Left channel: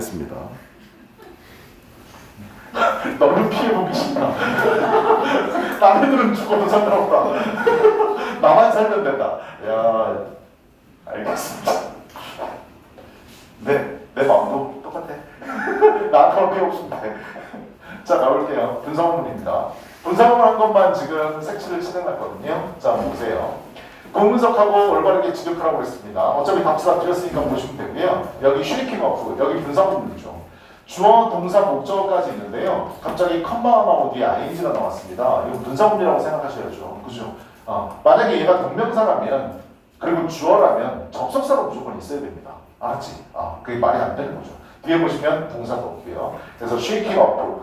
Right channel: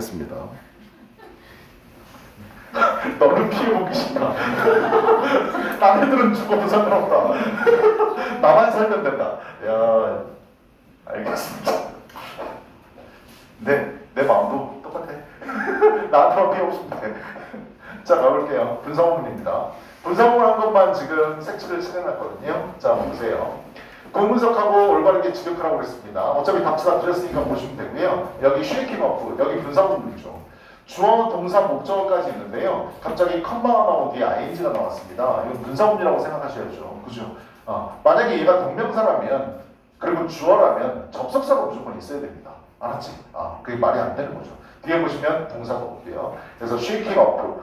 하겠습니다. 너는 피해보기 싫다. 남들은 죽어도 상관없다. 나만 살면 된다. 야, 알겠습니다. 내 마음도 똑같아. 나한테만 피해 없으면 돼. 자, 가볼게요. 분사구문입니다. 분사구문 한 것만 지금 색칠을 칠해놨거든요. 자, 보세요. 분분석하고 올바르게 지적을 하고 있습니다. 어차피 답지 다 드렸으니까 보시면 되고요. 여기 쉐이킹 어프, 여기 분사구문이죠. 주어, 동사, 목적어까지 있는데요. 갑자기 컴마가 나오고 뒤에 ing가 나왔습니다. 이건 분사구문이라고 생각하셔야죠. 그죠? 만약에 얘가 동명사라면 그리고 주어라면 접속사가 무조건 있어야 됩니다. 알았지? 그게 말이 안 되는 거죠. 뒤에 보시면 동사가 없고요. 그래서 쉐이킹 어프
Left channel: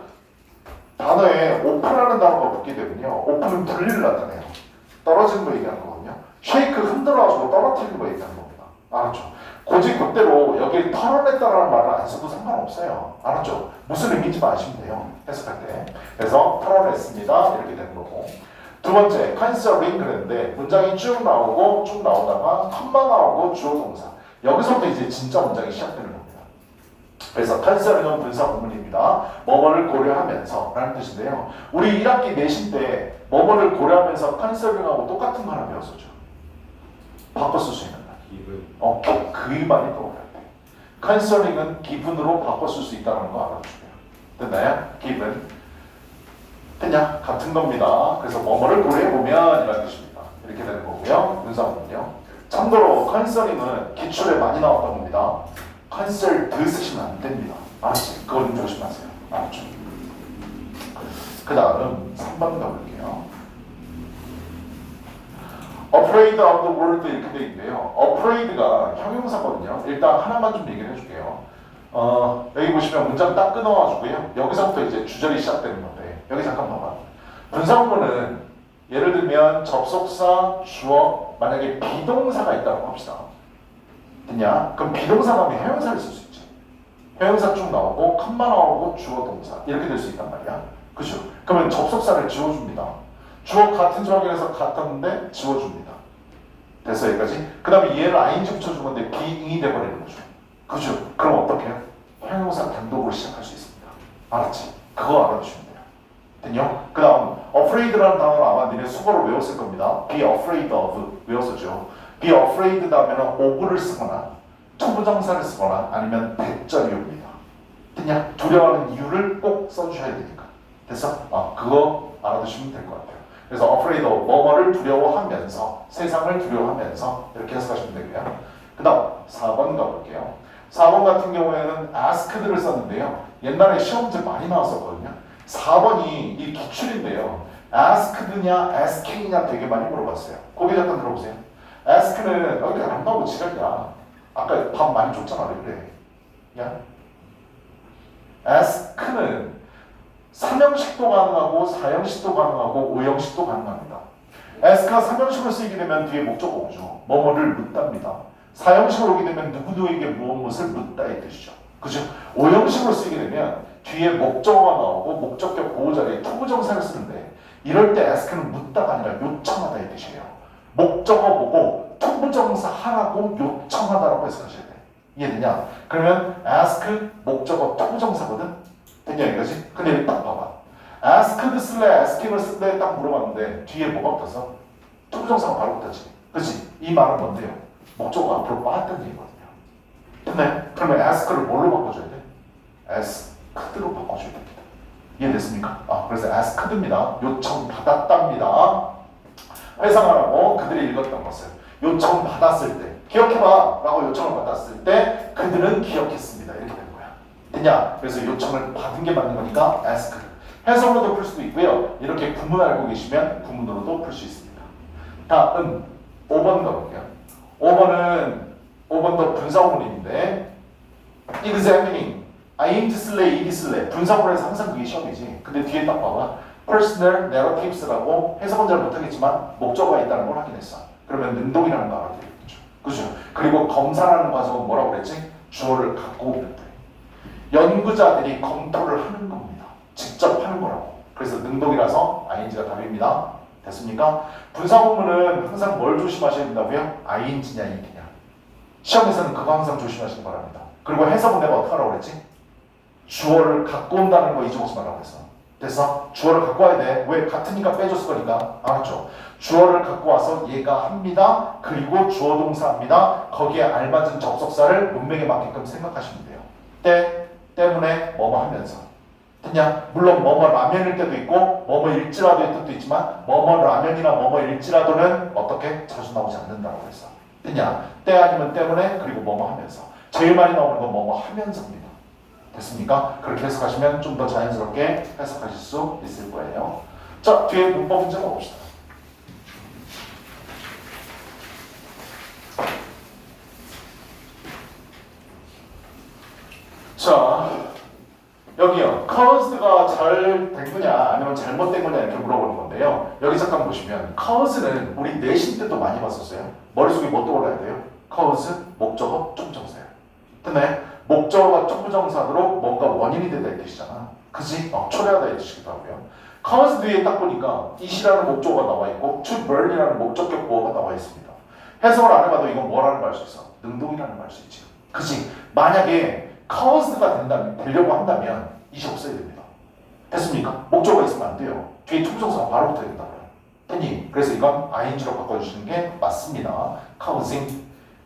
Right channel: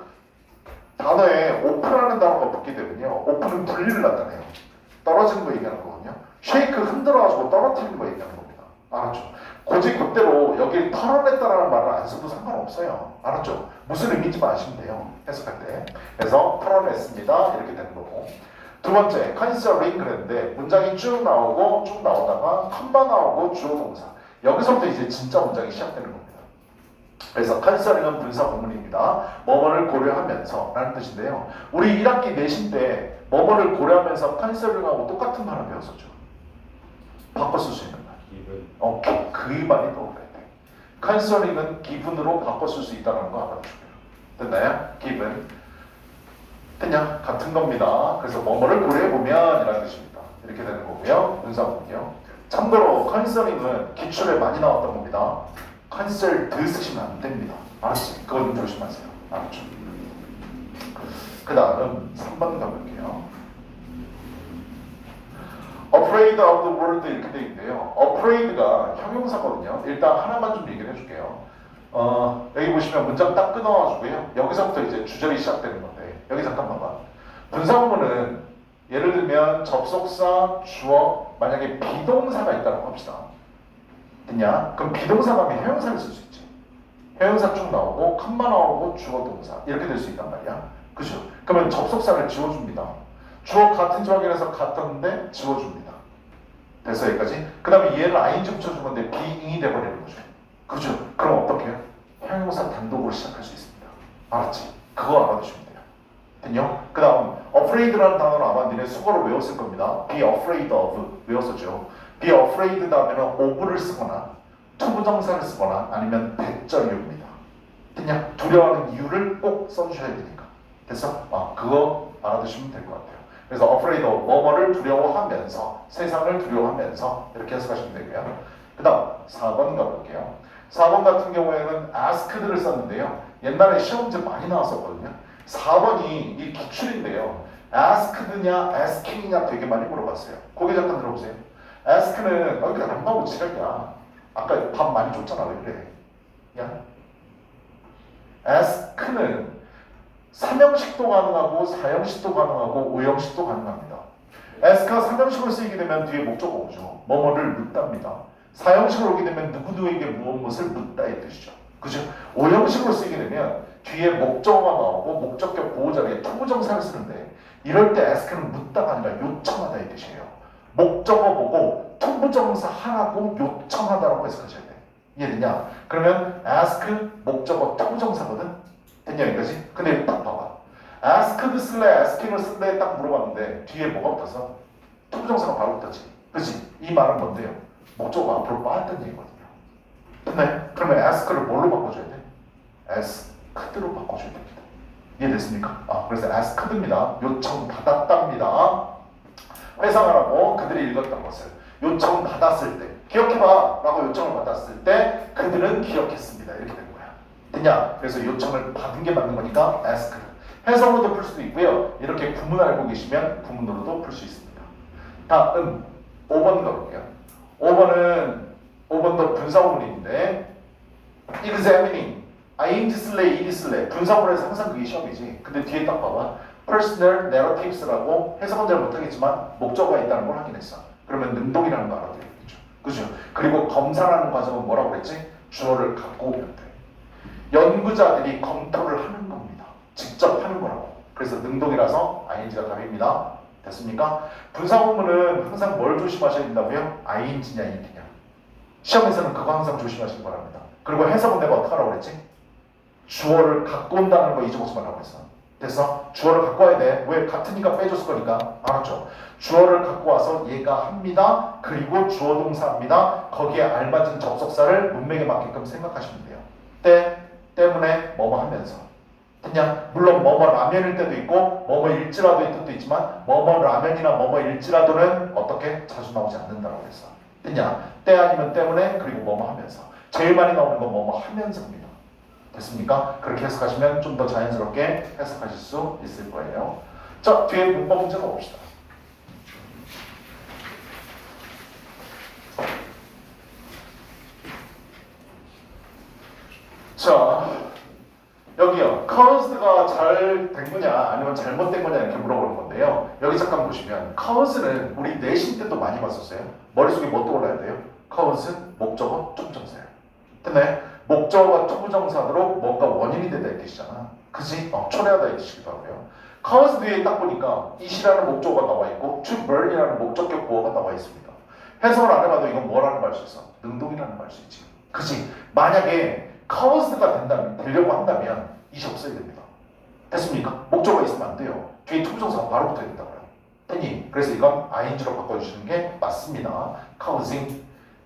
단어에 오프라는 단어가 붙게 되면요. 오프는 분리를 나타내요. 떨어지는 거 얘기하는 거거든요. 쉐이크 흔들어가지고 떨어뜨리는 거 얘기하는 겁니다. 알았죠? 고지 그대로 여기 털어냈다라는 말을 안 써도 상관없어요. 알았죠? 무슨 의미인지만 아시면 돼요. 해석할 때. 그래서 털어냈습니다. 이렇게 되는 거고. 두 번째, 컨시더링 그랬는데 문장이 쭉 나오고 쭉 나오다가 컴마 나오고 주어 동사. 여기서부터 이제 진짜 문장이 시작되는 겁니다. 그래서 컨시더링은 분사구문입니다. 뭐뭐를 고려하면서 라는 뜻인데요. 우리 1학기 내신 때 뭐뭐를 고려하면서 컨시더링하고 똑같은 말 하나 배웠었죠. 바꿔 쓸 수 있는 말. 그 말이 떠올라야 돼. 컨시더링은 기분으로 바꿔 쓸 수 있다는 거 알아주고요. 됐나요? 기분. 됐냐? 같은 겁니다. 그래서 뭐뭐를 고려해보면 이라는 뜻입니다. 이렇게 되는 거고요. 분사구문이요. 참고로 컨시더링은 기출에 많이 나왔던 겁니다. 컨설드 쓰시면 안 됩니다. 알았지? 그거 좀 조심하세요. 알았죠? 그 다음 3번 가볼게요. afraid of the world 이렇게 돼 있는데요. afraid가 형용사거든요. 일단 하나만 좀 얘기를 해줄게요. 여기 보시면 문장 딱 끊어가지고요. 여기서부터 이제 주절이 시작되는 건데 여기 잠깐 봐봐. 분사구문은 예를 들면 접속사, 주어, 만약에 비동사가 있다고 합시다. 됐냐? 그럼 비동사가 하면 형용사를 쓸 수 있지. 형용사 쭉 나오고 컴마 나오고 주어 동사 이렇게 될 수 있단 말이야. 그죠? 그러면 접속사를 지워줍니다. 주어 같은 조항에서 같았는데 지워줍니다. 됐어 여기까지? 그 다음에 얘를 ing 붙여준 건데 being이 돼버리는 거죠. 그죠? 그럼 어떻게 해요? 형용사 단독으로 시작할 수 있습니다. 알았지? 그거 알아주시면 돼요. 됐냐? 그 다음 afraid라는 단어는 아마 니네 수거로 외웠을 겁니다. be afraid of 외웠었죠. be afraid 다음에는 of를 쓰거나 투부정사를 쓰거나 아니면 대절이옵니다. 됐냐? 두려워하는 이유를 꼭 써주셔야 되니까. 됐어? 그거 알아두시면 될 것 같아요. 그래서 afraid of 뭐뭐를 두려워하면서 세상을 두려워하면서 이렇게 해석하시면 되고요. 그 다음 4번 가볼게요. 4번 같은 경우에는 asked를 썼는데요. 옛날에 시험 문제 많이 나왔었거든요. 4번이 이 기출인데요. asked냐 asking이냐 되게 많이 물어봤어요. 고개 잠깐 들어보세요. ask는 여기 안 나오고 지랄이야. 아까 밥 많이 줬잖아. 왜 그래? 야, ask는 3형식도 가능하고 4형식도 가능하고 5형식도 가능합니다. ask가 3형식으로 쓰이게 되면 뒤에 목적어 오죠. 뭐뭐를 묻답니다. 4형식으로 오게 되면 누구누구에게 무엇을 묻다의 뜻이죠. 그죠? 5형식으로 쓰이게 되면 뒤에 목적어가 나오고 목적격 보호자에 투부정사를 쓰는데 이럴 때 ask는 묻다가 아니라 요청하다의 뜻이에요. 목적어 보고 투부정사 하라고 요청하다라고 해석하셔야 돼. 이해되냐? 그러면 ask 목적어 투부정사거든? 됐냐 이거지? 근데 딱 봐봐. asked 쓸래 asking을 쓸래 딱 물어봤는데 뒤에 뭐가 붙어서? 투부정사가 바로 붙었지. 그렇지? 이 말은 뭔데요? 목적어가 앞으로 빠졌다는 얘기거든요. 됐네? 그러면 ask를 뭘로 바꿔줘야 돼? asked로 바꿔줘야 됩니다. 이해됐습니까? 그래서 asked입니다. 요청받았답니다. 회상하라고 그들이 읽었던 것을 요청받았을 때 기억해봐 라고 요청을 받았을 때 그들은 기억했습니다. 이렇게 되는 거야. 됐냐? 그래서 요청을 받은 게 맞는 거니까 asked. 해석으로도 풀 수도 있고요. 이렇게 구문 알고 계시면 구문으로도 풀 수 있습니다. 다음 5번 가볼게요. 5번도 분사구문인데 examining ing 쓸래 ed 쓸래 분사구문에서 항상 그게 시험이지. 근데 뒤에 딱 봐봐. personal narratives라고 해석은 잘 못하겠지만 목적어가 있다는 걸 확인했어. 그러면 능동이라는 거 알아들겠죠. 그죠? 그리고 검사라는 과정은 뭐라고 그랬지? 주어를 갖고 오면 돼. 연구자들이 검토를 하는 겁니다. 직접 하는 거라고. 그래서 능동이라서 ing가 답입니다. 됐습니까? 분사구문은 항상 뭘 조심하셔야 된다고요? ing냐 ed냐. 시험에서는 그거 항상 조심하시기 바랍니다. 그리고 해석은 내가 어떻게 하라고 그랬지? 주어를 갖고 온다는 거 잊어보지 말라고 했어. 됐어? 주어를 갖고 와야 돼. 왜? 같으니까 빼줬을 거니까. 알았죠? 주어를 갖고 와서 얘가 합니다. 그리고 주어 동사합니다. 거기에 알맞은 접속사를 문맥에 맞게끔 생각하시면 돼요. 때문에 뭐뭐 하면서. 그냥 물론 뭐뭐 라면일 때도 있고 뭐뭐일지라도의 뜻도 있지만 뭐뭐 라면이나 뭐뭐일지라도는 어떻게 자주 나오지 않는다고 했어. 그냥 때 아니면 때문에 그리고 뭐뭐 하면서. 제일 많이 나오는 건 뭐뭐 하면서입니다. 됐습니까? 그렇게 해석하시면 좀 더 자연스럽게 해석하실 수 있을 거예요. 자, 뒤에 문법 문제 가봅시다. 자, 여기요. cause가 잘 된 거냐 아니면 잘못된 거냐 이렇게 물어보는 건데요. 여기 잠깐 보시면 cause는 우리 내신 때도 많이 봤었어요. 머릿속에 뭐 떠올라야 돼요? cause, 목적어, 초부정사예요. 근데 목적어가 초부정사로 뭔가 원인이 되다 이 뜻이잖아. 그지? 초래하다 이 뜻이기도 하고요. cause 뒤에 딱 보니까 it이라는 목적어가 나와 있고 to burn이라는 목적격 보어가 나와 있습니다. 해석을 안 해봐도 이건 뭐라는 걸 알 수 있어? 능동이라는 걸 알 수 있지. 그지? 만약에 cause가 되려고 한다면 it이 없어야 됩니다. 됐습니까? 목적어가 있으면 안 돼요. 뒤에 초부정사가 바로 붙어야 된다고요. 됐니? 그래서 이건 ing로 바꿔주시는 게 맞습니다. causing.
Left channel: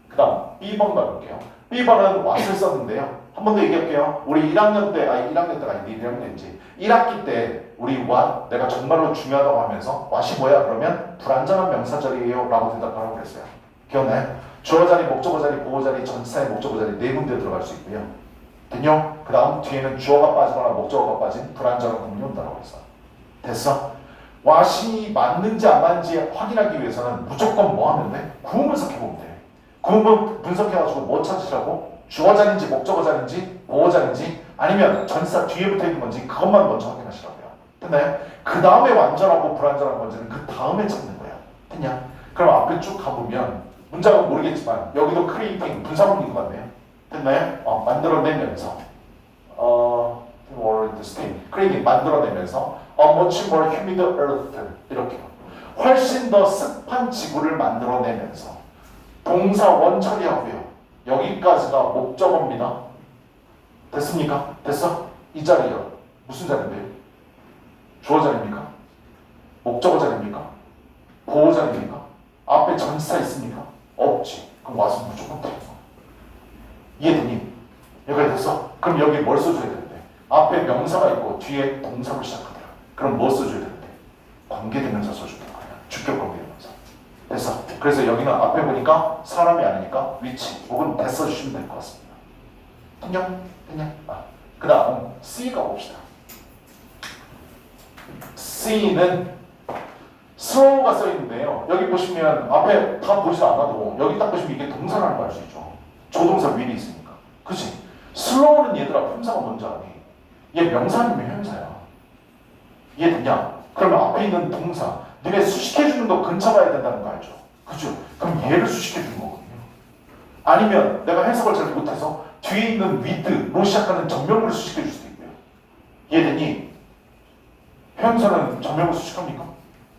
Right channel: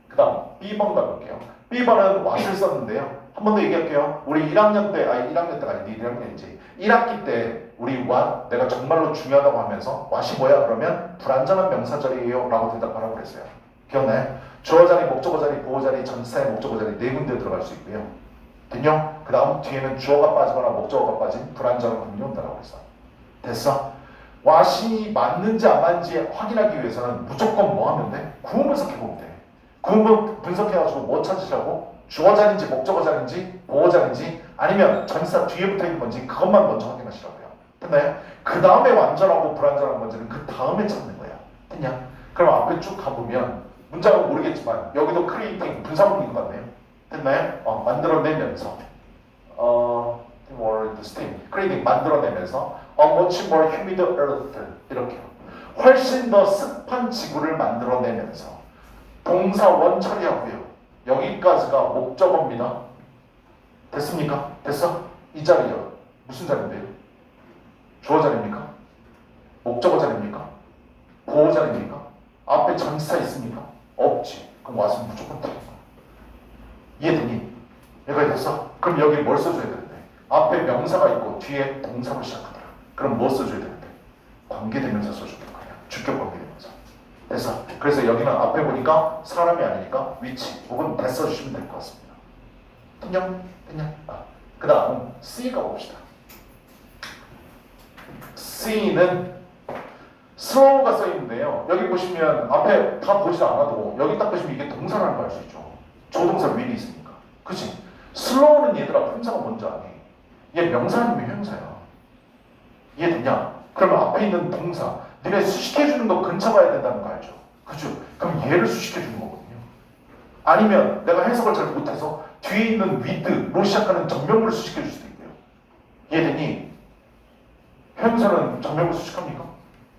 그 다음 B번 가볼게요. B번은 what을 썼는데요. 한 번 더 얘기할게요. 우리 1학년 때, 1학년 때가 아니고 1학년이지. 1학기 때 우리 what, 내가 정말로 중요하다고 하면서 what이 뭐야? 그러면 불완전한 명사절이에요 라고 대답하라고 그랬어요. 기억나요? 주어 자리, 목적어 자리, 보호 자리, 전치사의 목적어 자리 네 군데 들어갈 수 있고요. 됐냐? 그 다음 뒤에는 주어가 빠지거나 목적어가 빠진 불완전한 구문이 온다고 했어. 됐어? what이 맞는지 안 맞는지 확인하기 위해서는 무조건 뭐 하면 돼? 구문 분석해보면 돼. 구문 분석해가지고 뭐 찾으시라고? 주어 자리인지 목적어 자리인지 보호 자리인지 아니면 전치사 뒤에 붙어있는 건지 그것만 먼저 확인하시라고요. 됐나요? 그 다음에 완전하고 불완전한 건지는 그 다음에 찾는 거야. 됐냐? 그럼 앞에 쭉 가보면 문장은 모르겠지만 여기도 creating 분사문인 것 같네요. 됐나요? 만들어내면서 or this thing creating 만들어내면서 a much more humid earth 이렇게 훨씬 더 습한 지구를 만들어내면서 동사 원 처리하고요. 여기까지가 목적어입니다. 됐습니까? 됐어? 이 자리요. 무슨 자리인데요? 주어 자리입니까? 목적어 자리입니까? 보호 자리입니까? 앞에 전치사 있습니까? 없지. 그럼 와서 무조건 돼요. 이해되니? 여기까지 됐어? 그럼 여기 뭘 써줘야 되는데? 앞에 명사가 있고 뒤에 동사로 시작하더라. 그럼 뭐 써줘야 되는데? 관계대명사 써주는 거야. 주격 관계대명사. 됐어? 그래서 여기는 앞에 보니까 사람이 아니니까 위치 혹은 대 써주시면 될 것 같습니다. 됐냐? 그 다음 C가 봅시다. C는 slow가 써있는데요. 여기 보시면 앞에 다 보지 않아도 여기 딱 보시면 이게 동사라는 걸 알 수 있죠. 조동사 will이 있으니까. 그치? slow는 얘들아 품사가 뭔지 아니? 얘 명사 아니면 형용사야. 이해됐냐? 그러면 앞에 있는 동사 니네 수식해주는 거 근처가야 된다는 거 알죠? 그죠? 그럼 얘를 수식해주는 거거든요. 아니면 내가 해석을 잘 못해서 뒤에 있는 with로 시작하는 전명구를 수식해줄 수도 있고요. 이해되니? 형용사는 전명구 수식합니까?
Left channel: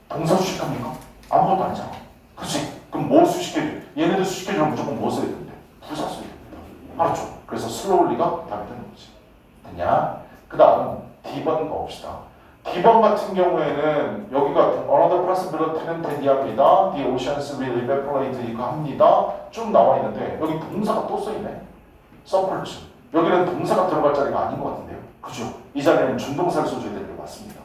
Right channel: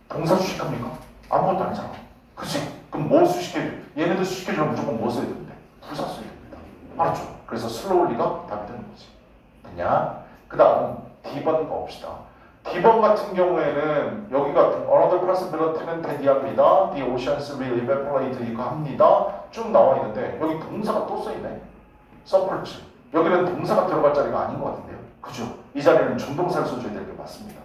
동사 수식합니까? 아무것도 아니잖아. 그치? 그럼 뭐 수식해줘? 얘네들 수식해주면 무조건 뭐 써야 되는데? 부사 써야 됩니다. 알았죠? 그래서 slowly가 답이 되는 거지. 됐냐? 그 다음 D번 가봅시다. D번 같은 경우에는 여기가 another possibility는 대디합니다. The oceans will evaporate 이거 합니다. 쭉 나와 있는데 여기 동사가 또 써있네. supports. 여기는 동사가 들어갈 자리가 아닌 것 같은데요. 그죠? 이 자리는 준동사를 써줘야 될 게 맞습니다.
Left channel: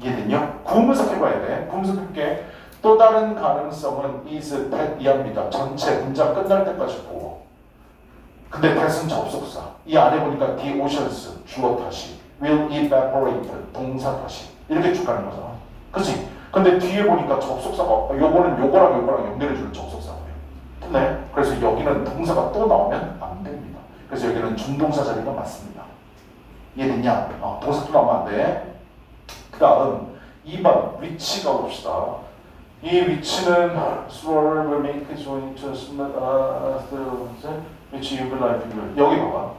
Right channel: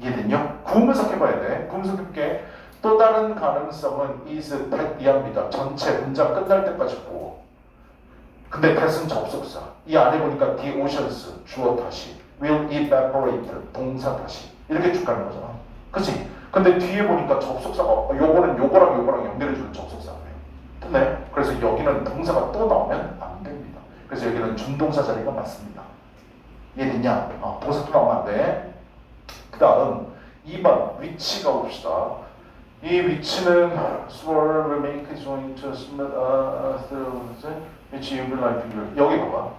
이해됐냐? 구문 분석해봐야 돼. 구문 분석해볼게. 또 다른 가능성은 is that 이합니다. 전체 문장 끝날 때까지 보고. 근데 that은 접속사. 이 안에 보니까 the oceans 주어 다시 will evaporate 동사 다시 이렇게 쭉 가는 거잖아. 그치? 근데 뒤에 보니까 접속사가 요거는 요거랑 연결해주는 접속사고요. 네. 그래서 여기는 동사가 또 나오면 안 됩니다. 그래서 여기는 준동사 자리가 맞습니다. 이해됐냐? 동사 또 나오면 안 돼. 그 다음 2번 위치가 봅시다. 이 위치는 swore will make joint to 위치 유불 여기 봐봐.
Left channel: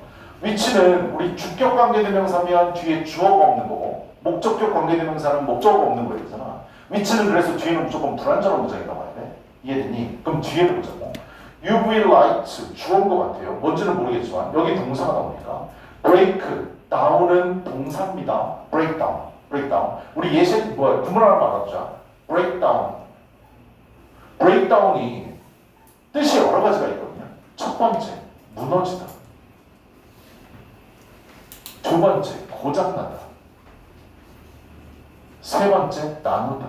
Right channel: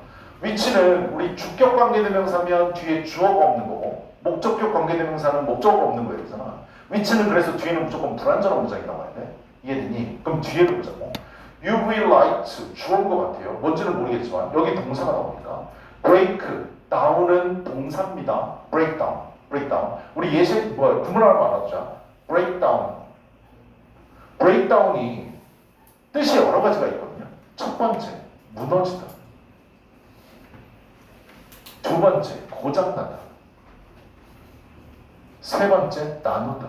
위치는 우리 주격 관계대명사면 뒤에 주어가 없는 거고 목적격 관계대명사는 목적어가 없는 거야 되잖아. 위치는 그래서 뒤에는 무조건 불완전한 문장이 나와야 돼. 이해됐니? 그럼 뒤에를 보자고. You will like to 주어인 것 같아요. 뭔지는 모르겠지만 여기 동사가 나옵니다. break down은 동사입니다. break down, break down. 우리 예시 구문 하나 알아두자. break down. break down이 뜻이 여러 가지가 있거든요. 첫 번째, 무너지다. 두 번째, 고장나다. 세 번째, 나누다.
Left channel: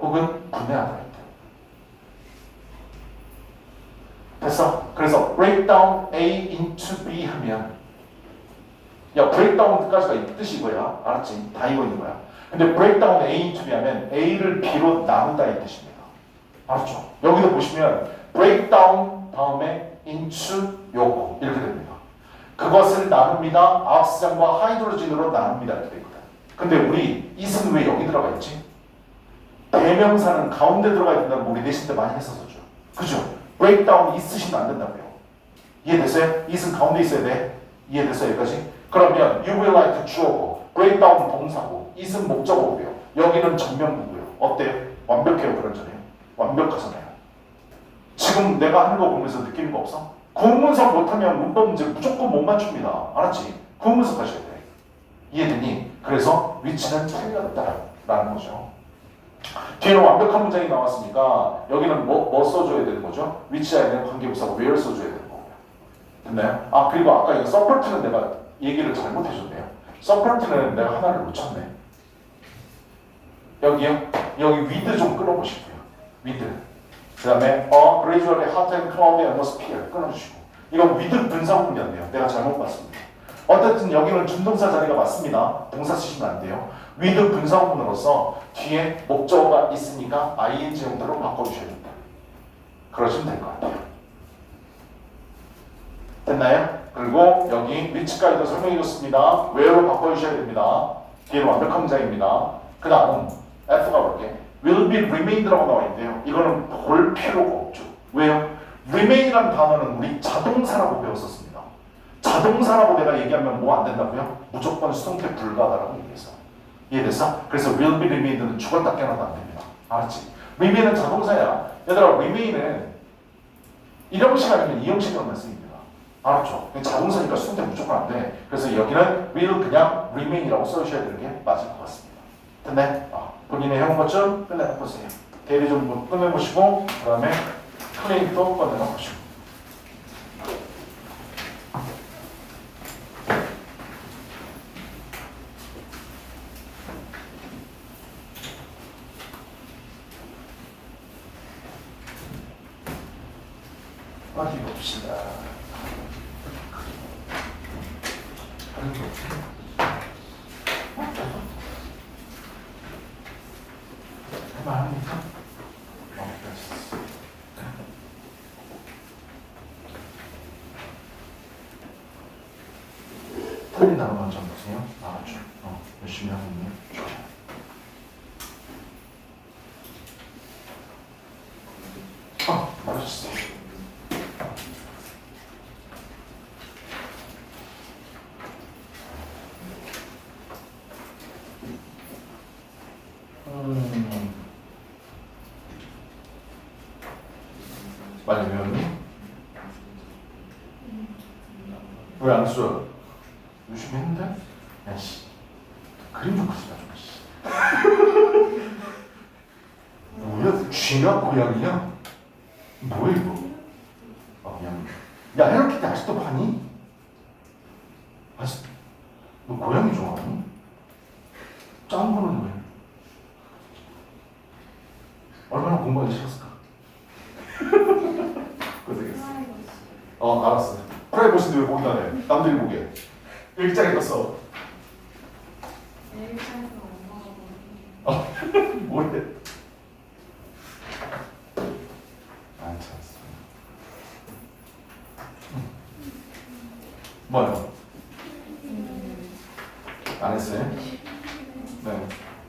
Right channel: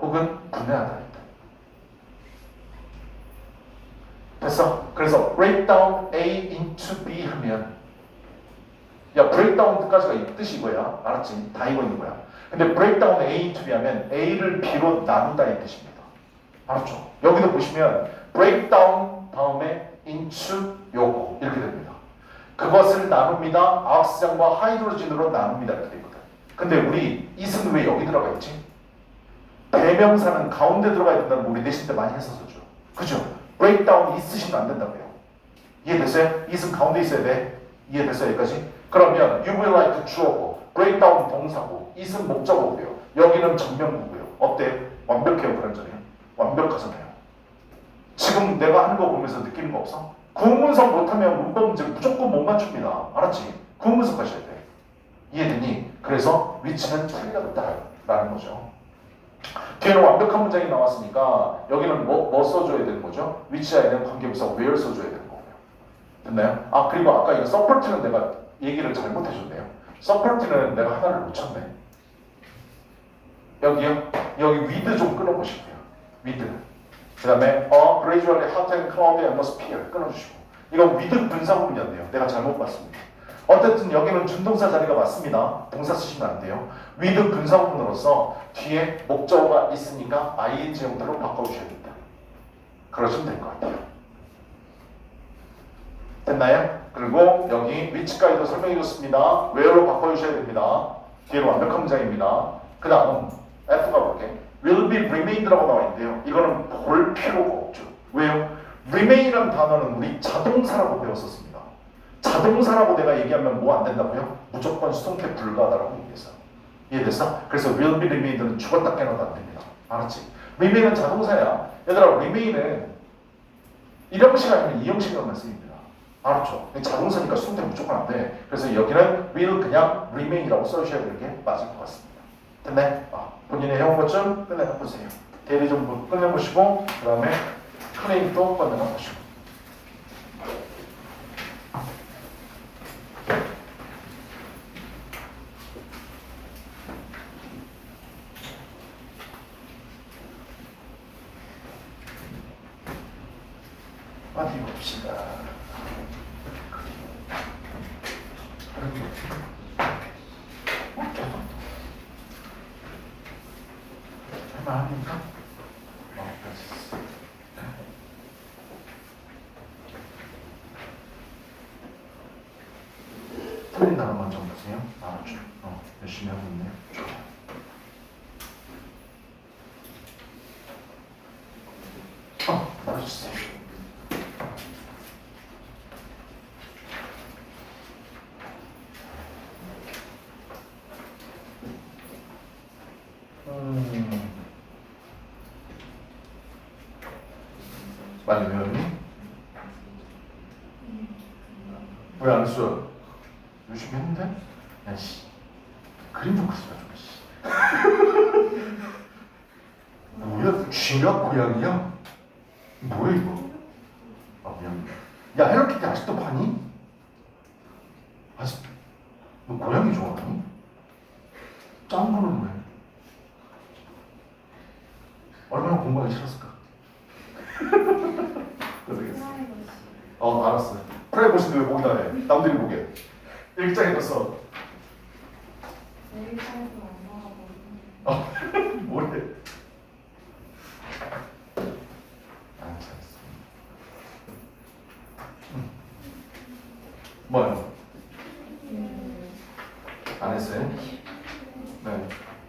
혹은 분해하다. 됐어? 그래서 break down A into B 하면 야 break down까지가 뜻이 이거야. 알았지? 다 이거 있는 거야. 근데 break down A into B 하면 A를 B로 나누다 이 뜻입니다. 알았죠? 여기도 보시면 break down 다음에 into 요거 이렇게 됩니다. 그것을 나눕니다. 악시장과 하이드로진으로 나눕니다. 이렇게 되거든. 근데 우리 it은 왜 여기 들어가 있지? 대명사는 가운데 들어가야 된다는 거 우리 내신 때 많이 했었죠. 그죠? breakdown 있으시면 안 된다고요. 이해됐어요? it은 가운데 있어야 돼. 이해됐어요? 여기까지? 그러면 you will like 주어고 breakdown 동사고 it은 목적어고요. 여기는 정명구고요. 어때요? 완벽해요? 불완전해요? 완벽하잖아요. 지금 내가 하는 거 보면서 느끼는 거 없어? 구문서 못하면 문법 문제 무조건 못 맞춥니다. 알았지? 구문서 하셔야 돼. 이해되니? 그래서 위치는 틀렸다라는 거죠. 뒤에는 완벽한 문장이 나왔으니까 여기는 뭐 써줘야 되는 거죠? 위치에 있는 관계부사 where 써줘야 되는 거고요. 됐나요? 아 그리고 아까 이거 서포트는 내가 얘기를 잘못해줬네요. 서포트는 내가 하나를 놓쳤네. 여기요? 여기 with 좀 끊어보실게요. with. 그 다음에 gradually hot and cloudy atmosphere 끊어주시고 이거 with 분사구문이었네요. 내가 잘못 봤습니다. 어쨌든 여기는 준동사 자리가 맞습니다. 동사 쓰시면 안 돼요. with 분사구문으로서 뒤에 목적어가 있으니까 ing 형태로 바꿔주셔야 된다. 그러시면 될 것 같아요. 됐나요? 그리고 여기 which까지도 설명해줬습니다. where로 바꿔주셔야 됩니다. 뒤에는 완벽한 문장입니다. 그 다음 F가 볼게. will be remained라고 나와 있는데요. 이거는 볼 필요가 없죠. 왜요? remain이라는 단어는 우리 자동사라고 배웠었습니다. 자동사라고 내가 얘기하면 뭐 안 된다고요? 무조건 수동태 불가하다라고 얘기했어요. 이해됐어? 그래서 will be remained는 죽었다 깨어나도 안 됩니다. 알았지? remain은 자동사야. 얘들아 remain은 1형식 아니면 2형식으로만 쓰입니다. 알았죠? 자동사니까 수동태 무조건 안 돼. 그래서 여기는 will 그냥 remain이라고 써주셔야 되는 게 맞을 것 같습니다. 됐네? 본인의 해온 것 좀 끝내보세요. 대리 좀 끝내보시고 그 다음에 클레임도 끝내보시고 어디 봅시다. 할만합니까? 틀린 단어 먼저 보세요. 나왔죠? 열심히 하고 있네. 맞았어요. 빨리 외웠니? 왜 안 써? 열심히 했는데? 야씨 그림 좀 그리자 좀. 뭐야? 쥐가 고양이야? 뭐야 이거? 미안. 야 헬로키티 아직도 파니? 아직 너 고양이 좋아하니? 짠 거는 왜? 얼마나 공부하기 싫었을까? 고생했어. 알았어. 프라이버시인데 왜 보기다 해? 남들이 보게. 일장에 갔어. 일장에서 엄마가 보는. 뭐래? 안 찼어. 뭐요? 안 했어요? 네.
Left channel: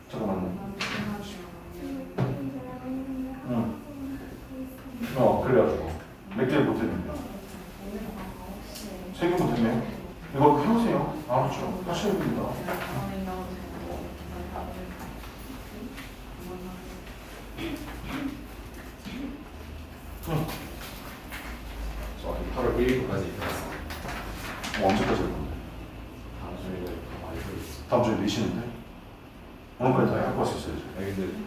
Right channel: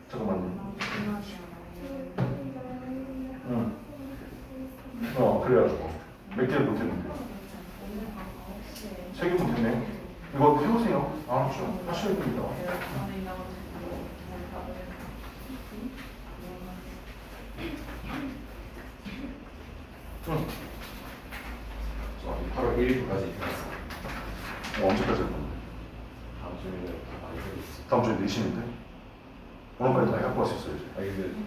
잠깐만요. 그래가지고 몇 개를 못했는데 3개 못했네. 이거 해보세요. 알았죠? 하셔야 됩니다. 다음 주에 내신인데 오늘까지 다 갖고 왔었어야지. 아니 근데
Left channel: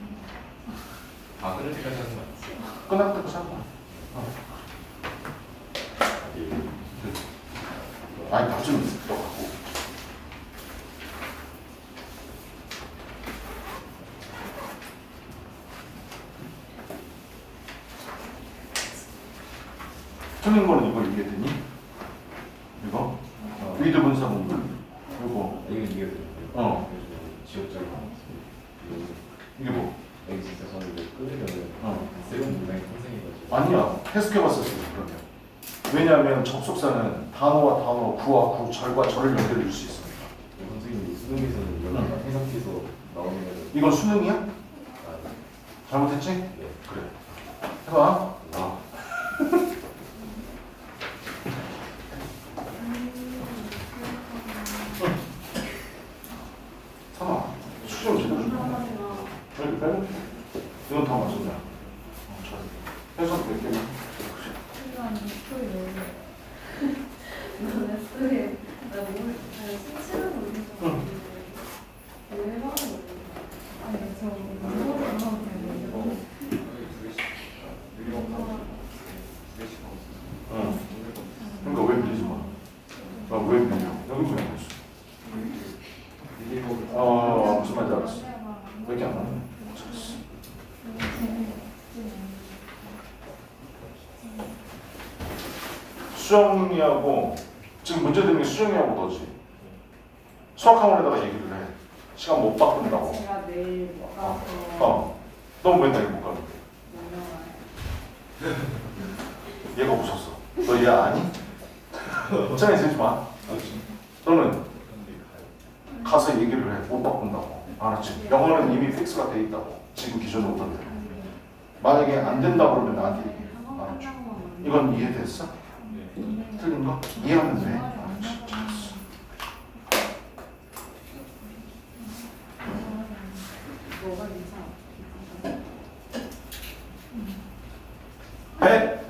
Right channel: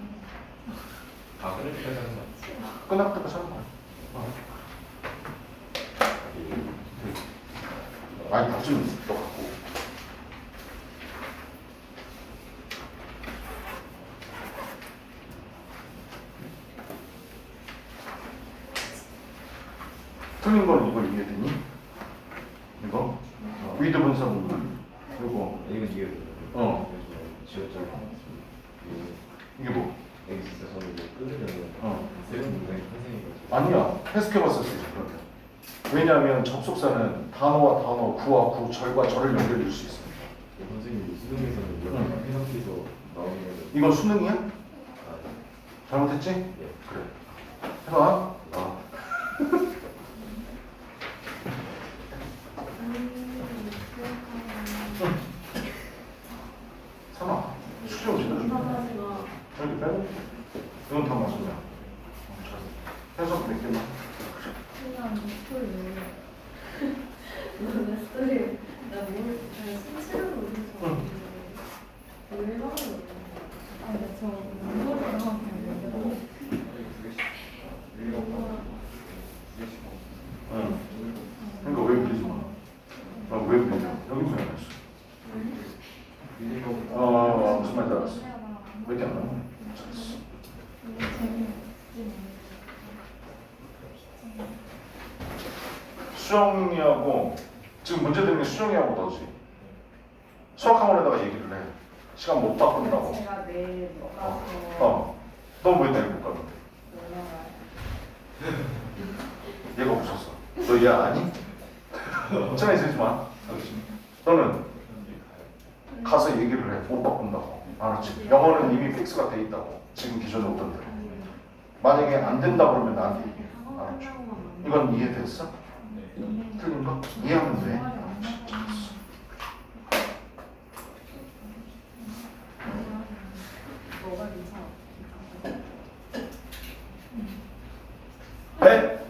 다 끊을 때까지 하는 거 끝날 때도 산 거야. 아니 다좀 있어 갖고. 틀린 거는 이걸 이해되니? 이거? 위드 분사분 이거 이거 이해를 지었잖아. 이게 뭐? 엑시스에서 이거 끊으려면 어. 세운 문장이 탄생해가지고 아니야 해석해봤었어 그러면. 왜냐하면 접속사는 단어와 단어, 구와 구, 절과 절을 연결해 줄 수 있습니다. 선생님이 수능에서는 이걸 응. 해석해서 나오는 거죠. 이건 수능이야? 아, 잘못했지? 네. 그래. 해봐. 아, 삼아. 수정 제대로 좀. 여기 빼고. 이건 다 맞았냐? 해석 몇 개만. 응. 그러니까 왜 그러지 마. 왜 그러냐? 여기 왜 그랬어? 무슨 말인지 알았어. 왜 이렇게 안 나오냐? 잘했어. 수정이하고 지금 문제 되는 게 수정이하고 너지. 수학학원에다가 얘기를 해. 시간 못 바꾼다고. 제가 내일 넌 왜 내일 못 가는데? 얘가 웃었어. 너 얘 아니? 어쩌나 있지 마. 너는 가서 얘기를 해. 못 바꾼다고. 알았지? 영어는 이미 픽스가 돼 있다고. 지금 기존에 오던 대로. 만약에 안 된다 그러면 나한테 얘기해. 알았지? 이건 이해됐어? 틀린 거? 이해하면 돼. 알았지? 잘했어. 배?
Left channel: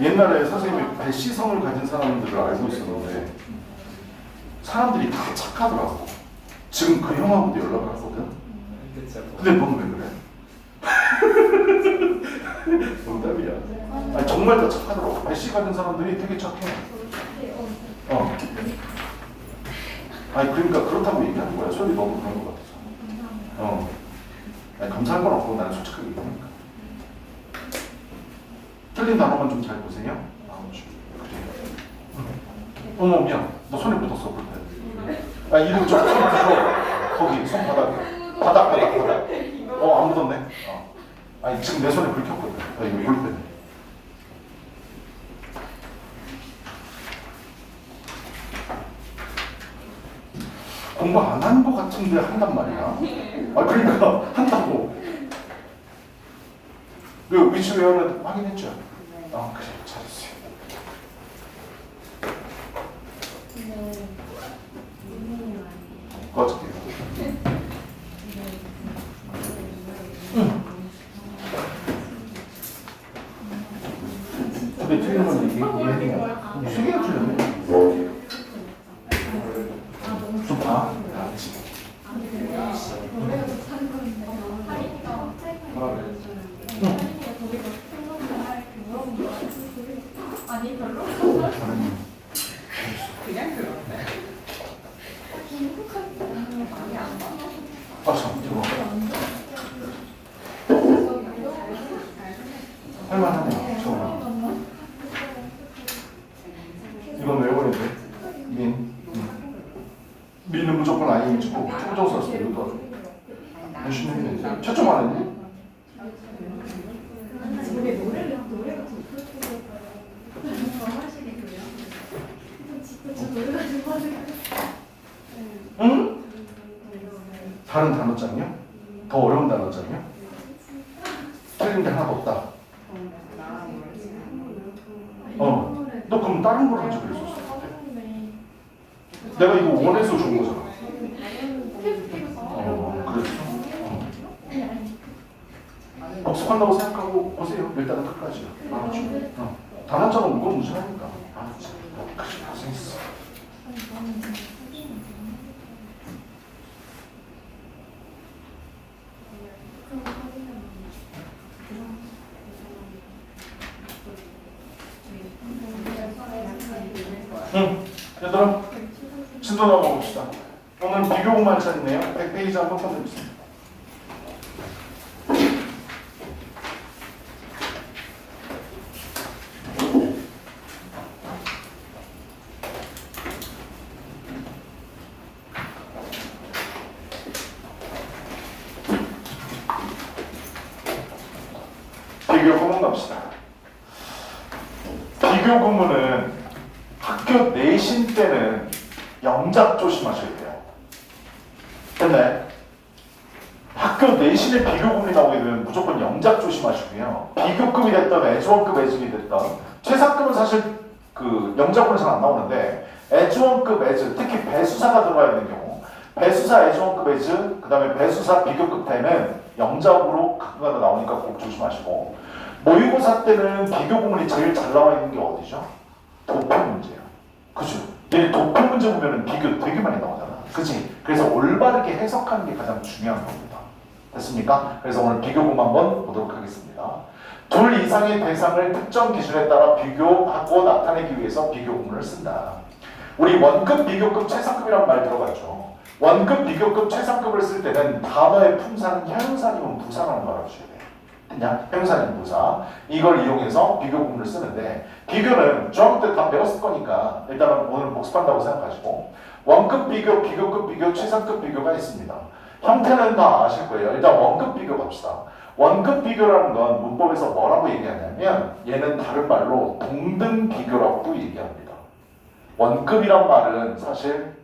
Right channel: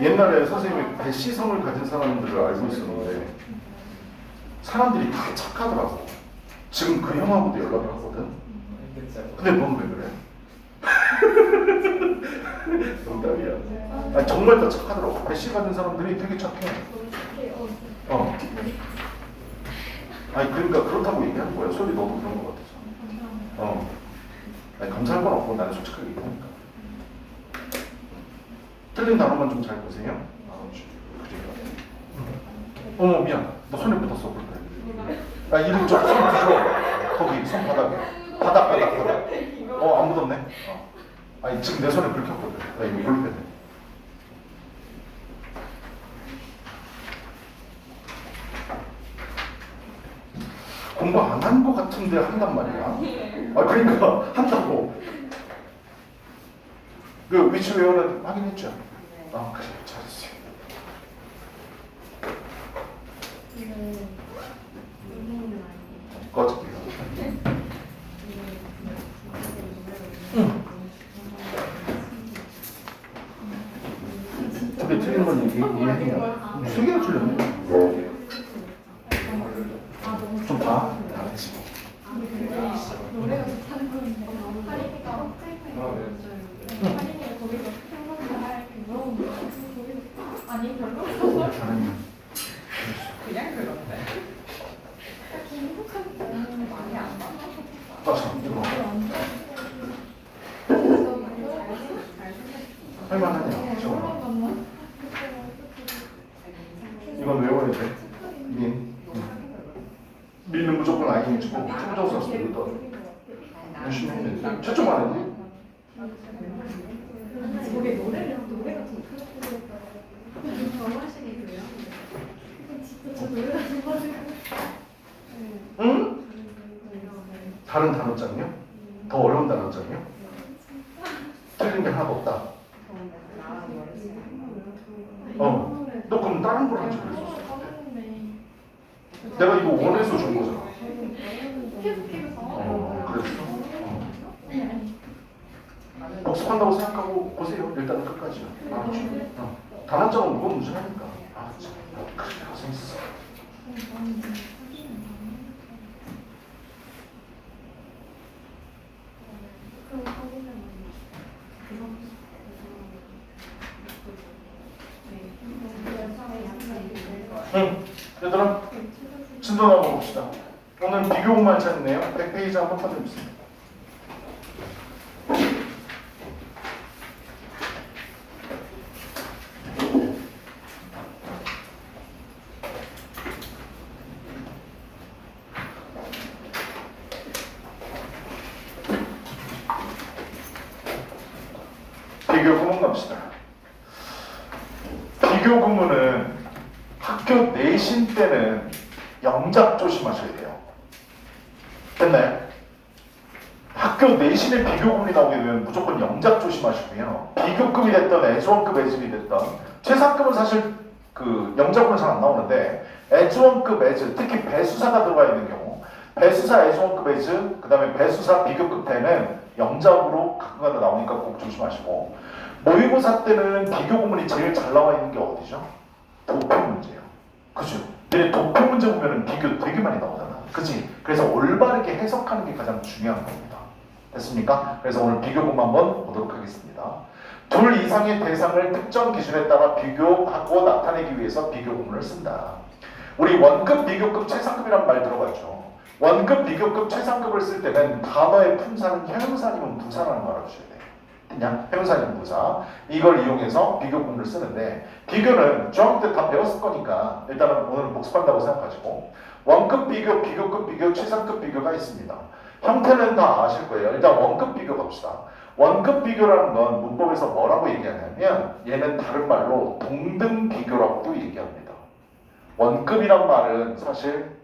옛날에 선생님이 배시성을 가진 사람들을 알고 있었는데 사람들이 다 착하더라고. 지금 그 형하고도 연락을 하거든. 근데 넌 왜 그래? 농담이야. 아니, 정말 다 착하더라고. 배시 가진 사람들이 되게 착해. 아니 그러니까 그렇다고 얘기하는 거야. 소리 너무 그런 것 같아서. 아니 감사할 건 없고 나는 솔직하게 얘기하니까. 틀린 단어만 좀 잘 보세요. 그래. 어머 미안. 너 손에 묻었어 볼 때. 아 이름 좀 풀어. 거기 손바닥에. 바닥. 안 묻었네. 아니 지금 내 손에 불 켰거든. 나 이거 몰랐네. 공부 안 한 거 같은데 한단 말이야. 그러니까 한다고. 그 위치 외워는 확인했죠? 그래 잘했어요. 꺼질게요. 근데 틀린 건 이해해요. 세 개가 틀렸네. 좀 봐. 아니 별로 잘했네. 그냥 그런데 많이 안 봐. 참, 이거. 할만하네. 저거. 이건 외워야 돼. 민은 무조건 ING고 초조사 써. 여기다. 열심히 했네. 채점 안 했니? 저게 노래가 응? 다른 단어장이요? 더 어려운 단어장이요? 틀린 게 하나도 없다. 너 그럼 다른 걸 하지 그랬었어. 내가 이거 원해서 준 거잖아. 그랬어? 복습한다고 생각하고 오세요. 일단은 끝까지요. 단어장은 무거운 문제라니까. 알았지? 응. 얘들아 진도 나가봅시다. 오늘 비교 공부할 차례네요. 100페이지 한번 펴드립니다. 비교 구문 갑시다. 비교 구문은 학교 내신 때는 영작 조심하셔야 돼요. 됐나요? 학교 내신에 비교 구문이 나오게 되면 무조건 영작 조심하시고요. 비교급이 됐던 에즈원급 에즈이 됐던 최상급은 사실 그 영작 구문이 잘 안 나오는데 에즈원급 에즈, 특히 배수사가 들어가 있는 경우 배수사 에즈원급 에즈, 그 다음에 배수사 비교급 때는 영작으로 가끔가다 나오니까 꼭 조심하시고, 모의고사 때는 비교 구문이 제일 잘 나와 있는 게 어디죠? 도표 문제예요. 그죠? 내 도표 문제 보면은 비교 되게 많이 나오잖아. 그치? 그래서 올바르게 해석하는 게 가장 중요한 겁니다. 됐습니까? 그래서 오늘 비교 구문 한번 보도록 하겠습니다. 둘 이상의 대상을 특정 기준에 따라 비교하고 나타내기 위해서 비교 구문을 쓴다. 우리 원급, 비교급, 최상급이란 말 들어봤죠? 원급, 비교급, 최상급을 쓸 때는 단어의 품사는 형용사 아니면 부사라는 걸 알아주셔야 돼요. 그냥 형용사 아니면 부사. 이걸 이용해서 비교 구문을 쓰는데, 비교는 중학교 때 다 배웠을 거니까 일단은 오늘 복습한다고 생각하시고, 원급 비교, 비교급 비교, 최상급 비교가 있습니다. 형태는 다 아실 거예요. 일단 원급 비교 갑시다. 원급 비교라는 건 문법에서 뭐라고 얘기하냐면 얘는 다른 말로 동등 비교라고도 얘기합니다. 원급이란 말은 사실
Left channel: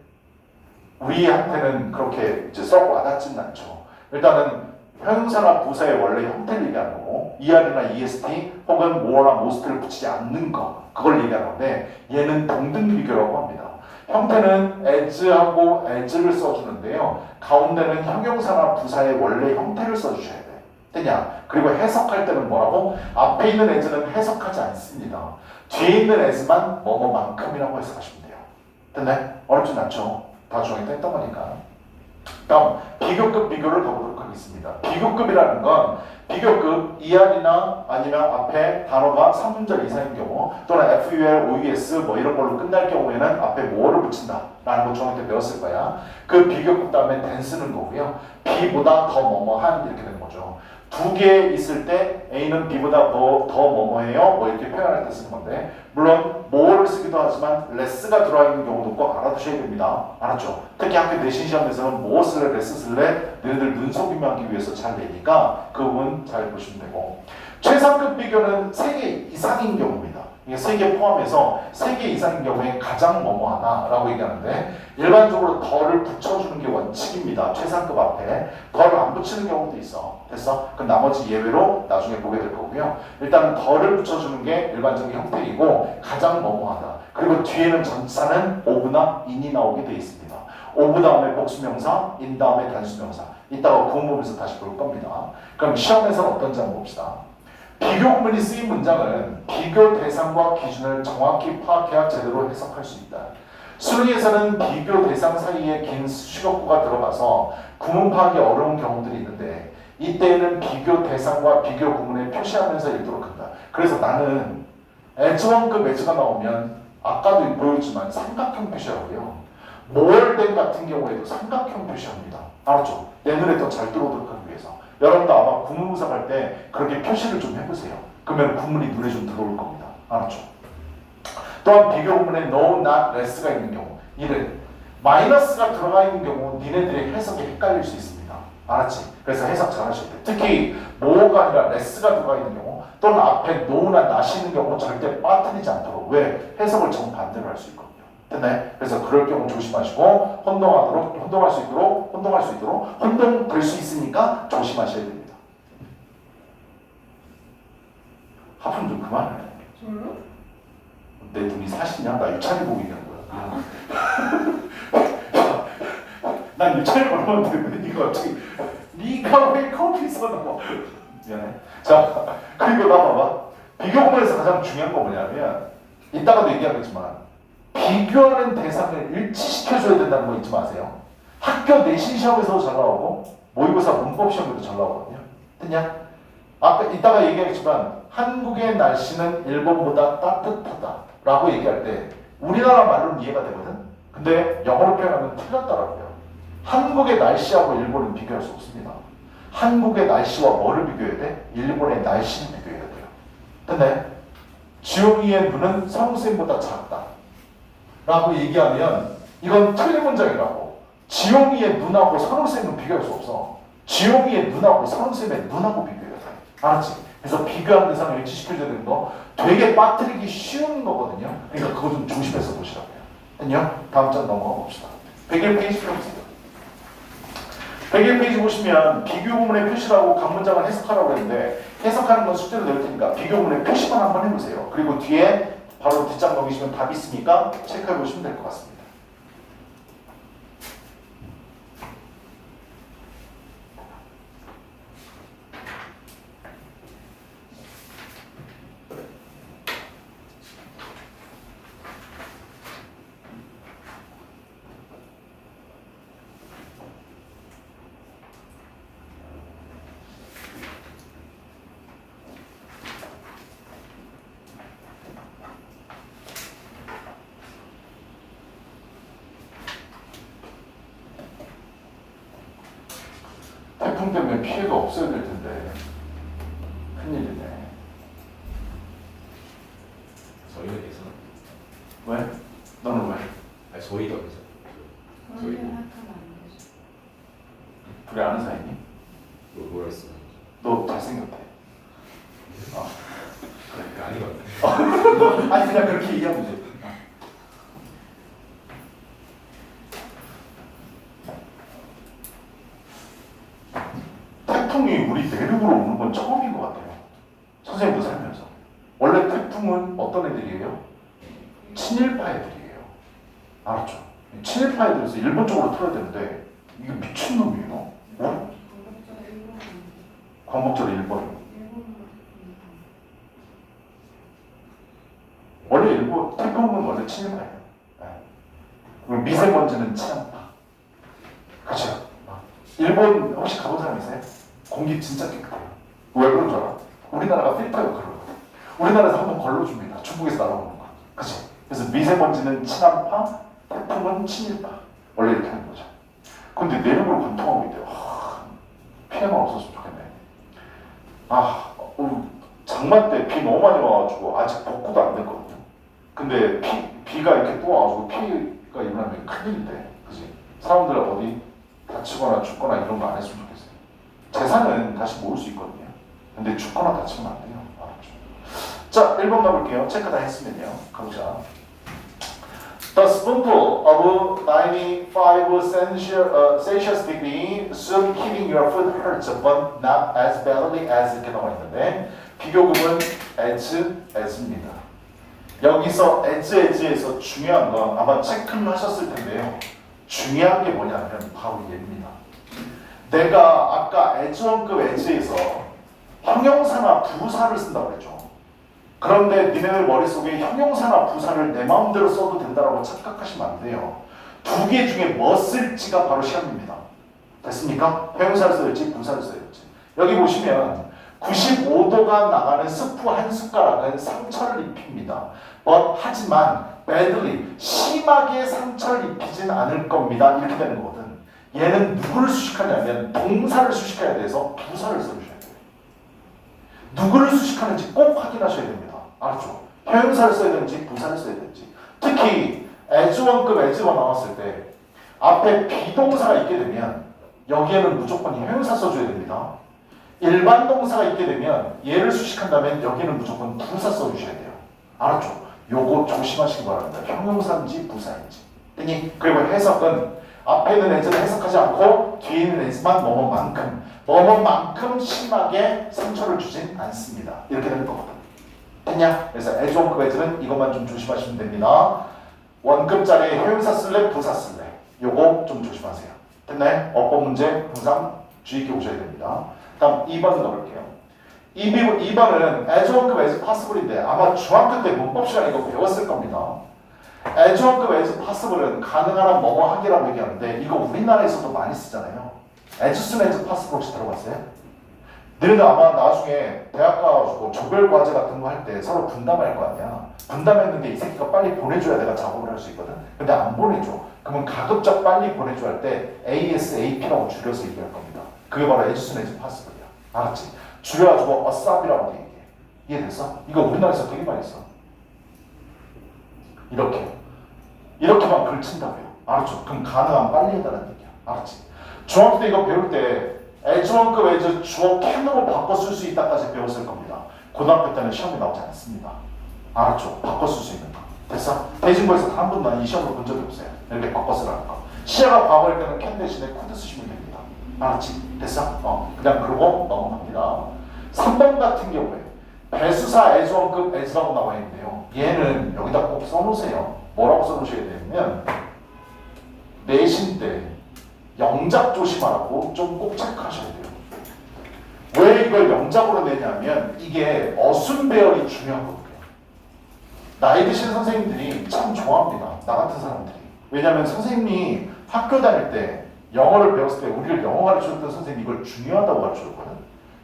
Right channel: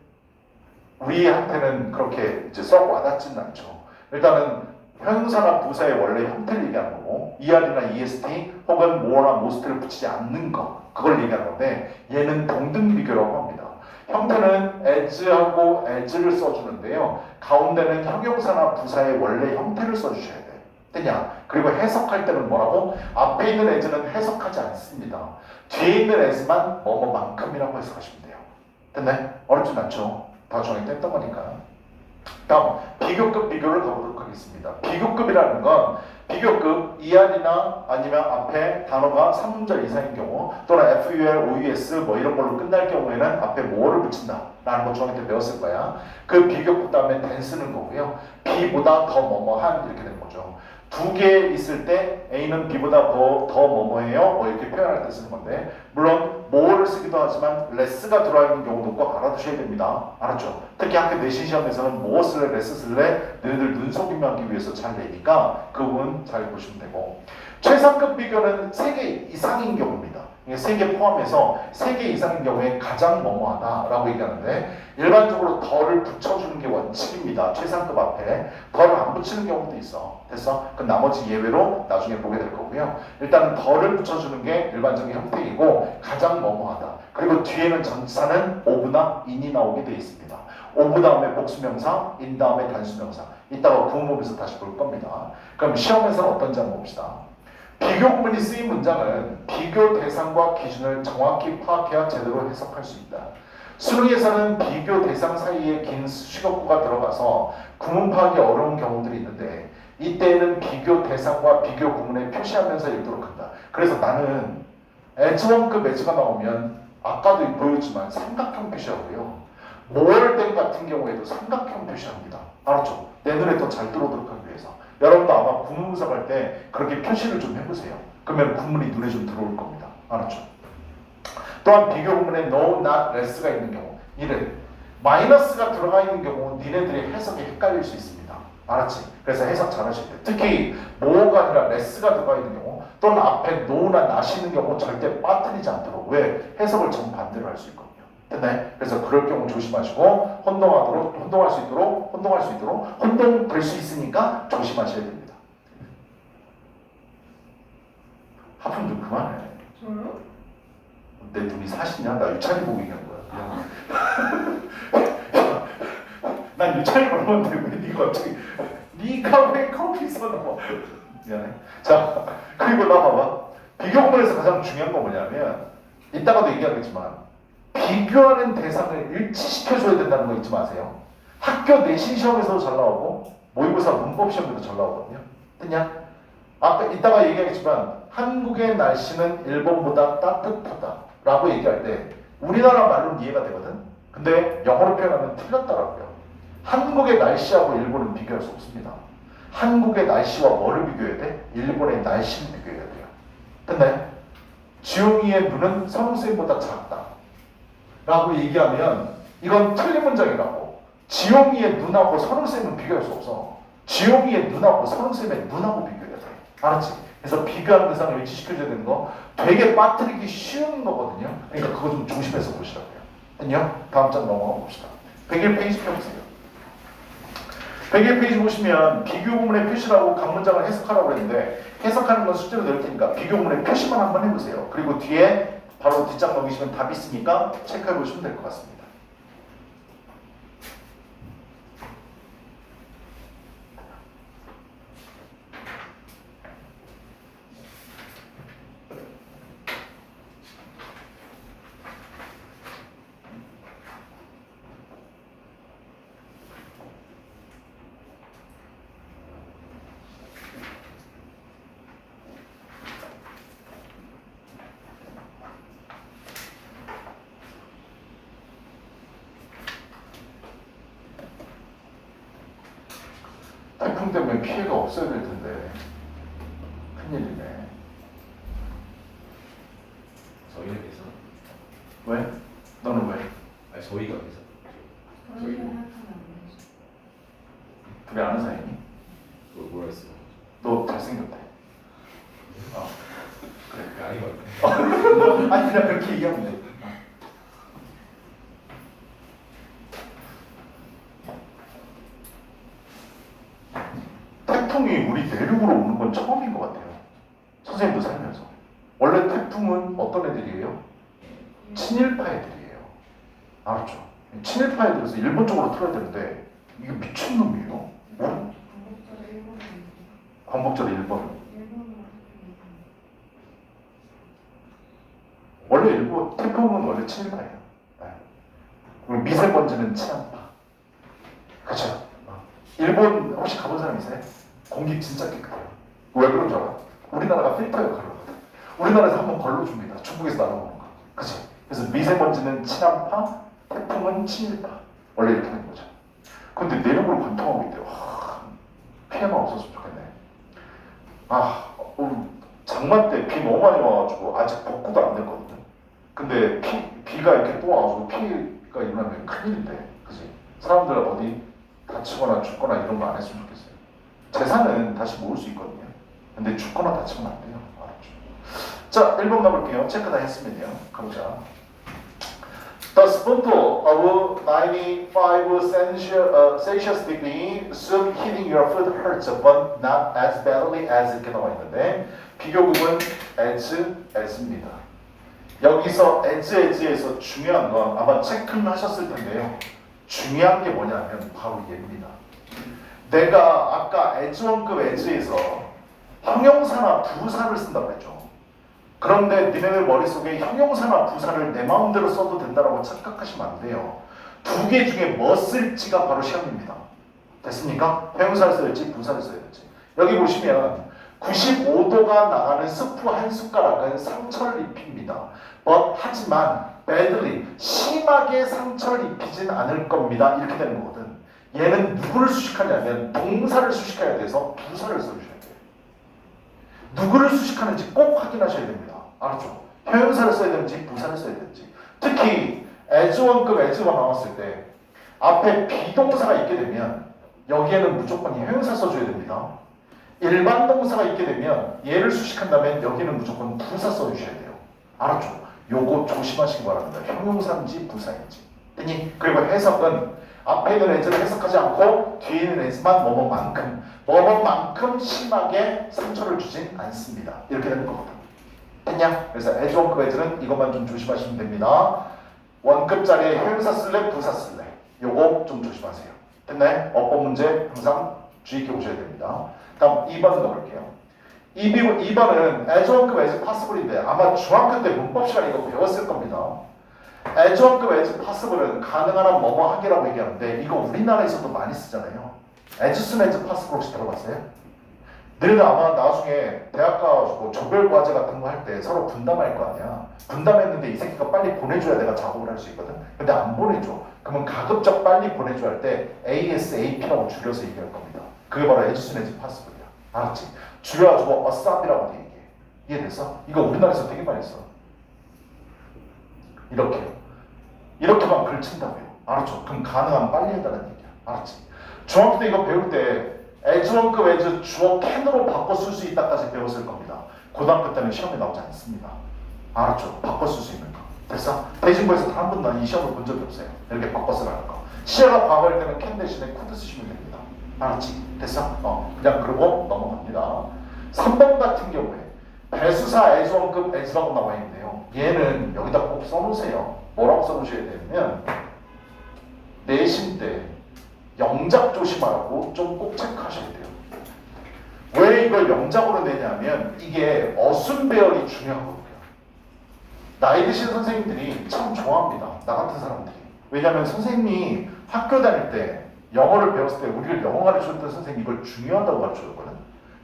우리한테는 그렇게 이제 썩 와닿지는 않죠. 일단은 형용사나 부사의 원래 형태를 얘기하는 거고 ER이나 EST 혹은 more나 most를 붙이지 않는 거, 그걸 얘기하는 건데 얘는 동등 비교라고 합니다. 형태는 as하고 as를 써주는데요. 가운데는 형용사나 부사의 원래 형태를 써주셔야 돼. 됐냐? 그리고 해석할 때는 뭐라고? 앞에 있는 as는 해석하지 않습니다. 뒤에 있는 as만 뭐뭐만큼이라고 해석하시면 돼요. 됐네? 어렵진 않죠? 다 중학교 때 했던 거니까. 다음, 비교급 비교를 가보도록 하겠습니다. 비교급이라는 건 비교급 ER이나 아니면 앞에 단어가 3문절 이상인 경우 또는 FUR, OUS 뭐 이런 걸로 끝날 경우에는 앞에 뭐를 붙인다 라는 거 중학교 때 배웠을 거야. 그 비교급 다음에 than 쓰는 거고요. B보다 더 뭐뭐한 이렇게 되는 거죠. 두 개 있을 때 A는 B보다 더 뭐뭐해요 뭐 이렇게 표현할 때 쓰는 건데, 물론 more를 쓰기도 하지만 less가 들어와 있는 경우도 꼭 알아두셔야 됩니다. 알았죠? 특히 학교 내신 시험에서는 more 쓸래 less 쓸래 너희들 눈속임하기 위해서 잘 내니까 그 부분 잘 보시면 되고, 최상급 비교는 3개 이상인 경우입니다. 이게 3개 포함해서 3개 이상인 경우에 가장 뭐뭐하다라고 얘기하는데, 일반적으로 덜을 붙여주는 게 원칙입니다. 최상급 앞에 덜을 안 붙이는 경우도 있어. 됐어? 그럼 나머지 예외로 나중에 보게 될 거고요. 일단은 덜을 붙여주는 게 일반적인 형태이고 가장 뭐뭐하다. 그리고 뒤에는 전치사는 of나 in이 나오게 돼 있습니다. of 다음에 복수명사, in 다음에 단수명사. 이따가 구문 보면서 다시 볼 겁니다. 그럼 시험에서는 어떤지 한번 봅시다. 비교 구문이 쓰인 문장은 비교 대상과 기준을 정확히 파악해야 제대로 해석할 수 있다. 수능에서는 비교 대상 사이에 긴 수식어구가 들어가서 구문 파악이 어려운 경우들이 있는데, 이때에는 비교 대상과 비교 구문에 표시하면서 읽도록 한다. 그래서 나는 에즈원급 에즈가 나오면 아까도 보여줬지만 삼각형 표시하고요. 모월된 같은 경우에도 삼각형 표시합니다. 알았죠? 내 눈에 더 잘 들어오도록 하기 위해서. 여러분도 아마 구문 분석할 때 그렇게 표시를 좀 해보세요. 그러면 구문이 눈에 좀 들어올 겁니다. 알았죠? 또한 비교 구문에 no, not, less가 있는 경우, 이는 마이너스가 들어가 있는 경우 니네들의 해석이 헷갈릴 수 있습니다. 알았지? 그래서 해석 잘 하실 때 특히 more가 아니라 less가 들어가 있는 경우 또는 앞에 no나 not 있는 경우 절대 빠뜨리지 않도록, 왜? 해석을 정반대로 할 수 있거든요. 됐나요? 그래서 그럴 경우 조심하시고 혼동될 수 있도록 혼동될 수 있으니까 조심하셔야 됩니다. 하품 좀 그만해. 저요? 내 눈이 사시냐? 나 유찬이 보고 얘기한 거야. 난 유찬이 보는데 왜 네가 갑자기 네가 왜 커피 쏟아먹어? 미안해. 자, 그리고 나 봐봐. 비교 구문에서 가장 중요한 건 뭐냐면 이따가도 얘기하겠지만 비교하는 대상을 일치시켜줘야 된다는 거 잊지 마세요. 학교 내신 시험에서도 잘 나오고 모의고사 문법 시험에도 잘 나오거든요. 됐냐? 아까 이따가 얘기하겠지만 한국의 날씨는 일본보다 따뜻하다 라고 얘기할 때 우리나라 말로는 이해가 되거든. 근데 영어로 표현하면 틀렸더라고요. 한국의 날씨하고 일본은 비교할 수 없습니다. 한국의 날씨와 뭐를 비교해야 돼? 일본의 날씨를 비교해야 돼요. 됐나요? 지용이의 눈은 선생님보다 작다 라고 얘기하면 이건 틀린 문장이라고. 지용이의 눈하고 선생님은 비교할 수 없어. 지용이의 눈하고 선생님의 눈하고 비교해야 돼. 알았지? 그래서 비교하는 대상을 일치시켜줘야 되는 거 되게 빠뜨리기 쉬운 거거든요. 그러니까 그거 좀 조심해서 보시라고요. 됐냐? 다음 장 넘어가 봅시다. 101페이지 펴주세요. 101페이지 보시면 비교 구문의 표시라고 각 문장을 해석하라고 했는데 해석하는 건 숙제로 낼 테니까 비교 구문의 표시만 한번 해보세요. 그리고 뒤에 바로 뒷장 넘기시면 답이 있으니까 체크해 보시면 될 것 같습니다. 태풍 때문에 피해가 없어야 될 텐데 큰일이네. 저희가 계속. 왜? 너는 왜? 아니 저희가 계속. 저희 그래 아는 사이니? 뭐라 했어? 너 잘생겼대. 그래 아니 맞네. 아니 그냥 그렇게 얘기하면 돼. 태풍이 우리 내륙으로 오는 건 처음인 것 같아요. 선생님도 살면서. 원래 태풍은 어떤 애들이에요? 친일파 애들이에요. 알았죠? 친일파 애들에서 일본 쪽으로 틀어야 되는데 이게 미친놈이에요. 뭐? 광복절 일본. 원래 일본 태풍은 원래 친일파예요. 네. 그리고 미세먼지는 친한파. 그렇죠? 일본 혹시 가본 사람 있어요? 공기 진짜 깨끗해요. 왜 그런 줄 알아? 우리나라가 필터 역할을 하거든. 우리나라에서 한번 걸러줍니다. 중국에서 날아오는 거. 그치? 그래서 미세먼지는 친한파, 태풍은 친일파. 원래 이렇게 하는 거죠. 근데 내륙을 관통하고 있대요. 피해만 없었으면 좋겠네. 장마 때 비 너무 많이 와가지고 아직 복구도 안 됐거든요. 근데 비가 이렇게 또 와가지고 피해가 일어나면 큰일인데, 그치? 사람들 어디 다치거나 죽거나 이런 거 안 했으면 좋겠어요. 재산은 다시 모을 수 있거든요. 근데 죽거나 다치면 안 돼요. 알았죠? 자, 1번 가볼게요. 체크 다 했으면요. 가보자. The spoonful of 95 Celsius degree soup heating your food hurts, but not as badly as 이렇게 나와 있는데 비교급은 as입니다. 여기서 as에서 중요한 건 아마 체크를 하셨을 텐데요. 중요한 게 뭐냐면 바로 얘입니다. 내가 아까 as1급 as에서 형용사나 부사를 쓴다고 했죠. 그런데 니네들 머릿속에 형용사나 부사를 내 마음대로 써도 된다고 착각하시면 안 돼요. 두 개 중에 뭐 쓸지가 바로 시험입니다. 됐습니까? 형용사를 써야지 부사를 써야지. 여기 보시면 95도가 나가는 스프 한 숟가락은 상처를 입힙니다. 하지만 badly, 심하게 상처를 입히진 않을 겁니다. 이렇게 되는 거거든. 얘는 누구를 수식하냐면 동사를 수식해야 돼서 부사를 써주셔야 돼요. 누구를 수식하는지 꼭 확인하셔야 됩니다. 알았죠? 형용사를 써야 되는지 부사를 써야 되는지. 특히 as1급 as가 나왔을 때 앞에 비동사가 있게 되면 여기에는 무조건 형용사 써줘야 됩니다. 일반 동사가 있게 되면 얘를 수식한다면 여기는 무조건 부사 써주셔야 돼요. 알았죠? 요거 조심하시기 바랍니다. 형용사인지 부사인지. 그리고 해석은 앞에 있는 as를 해석하지 않고 뒤에 있는 as만 뭐뭐만큼 심하게 상처를 주진 않습니다. 이렇게 되는 거거든. 됐냐? 그래서 as1급 as는 이것만 좀 조심하시면 됩니다. 원급짜리 형용사 쓸래 부사 쓸래 요거 좀 조심하세요. 됐나요? 어법 문제 항상 주의 깊게 보셔야 됩니다. 다음 2번 넣을게요. 2번은 as1급 as possible인데 아마 중학교 때 문법 시간에 이거 배웠을 겁니다. as possible은 가능한 뭐뭐 하기라고 얘기하는데 이거 우리나라에서도 많이 쓰잖아요. as soon as possible 혹시 들어봤어요? 너희들 아마 나중에 대학 가가지고 조별 과제 같은 거 할 때 서로 분담할 거 아니야. 분담했는데 이 새끼가 빨리 보내줘야 내가 작업을 할 수 있거든. 근데 안 보내줘. 그러면 가급적 빨리 보내줘 할 때 ASAP라고 줄여서 얘기할 겁니다. 그게 바로 as soon as possible이야. 알았지? 줄여가지고 ASAP이라고 얘기해. 이해됐어? 이거 우리나라에서 되게 많이 써. 이렇게만 걸친다고요. 알았죠? 그럼 가능한 빨리 해달라는 얘기야. 알았지? 중학교 때 이거 배울 때 as1급 as 주어 can으로 바꿔 쓸 수 있다까지 배웠을 겁니다. 고등학교 때는 시험에 나오지 않습니다. 알았죠? 바꿔 쓸 수 있는 거. 됐어? 대진고에서 단 한 번도 난 이 시험을 본 적이 없어요. 이렇게 바꿔 쓰라는 거. 시야가 과거일 때는 can 대신에 could 쓰시면 됩니다. 알았지? 됐어? 그냥 그러고 넘어갑니다. 3번 같은 경우에 배수사 as1급 as라고 나와 있는데요. 얘는 여기다 꼭 써놓으세요. 뭐라고 써놓으셔야 되냐면 내신 때 영작 조심하라고 좀 꼭 체크하셔야 돼요. 왜 이걸 영작으로 내냐면 이게 어순 배열이 중요하거든요. 나이 드신 선생님들이 참 좋아합니다. 나 같은 사람들이. 왜냐하면 선생님이 학교 다닐 때 영어를 배웠을 때 우리를 영어 가르쳐줬던 선생님이 이걸 중요하다고 가르쳐줬거든.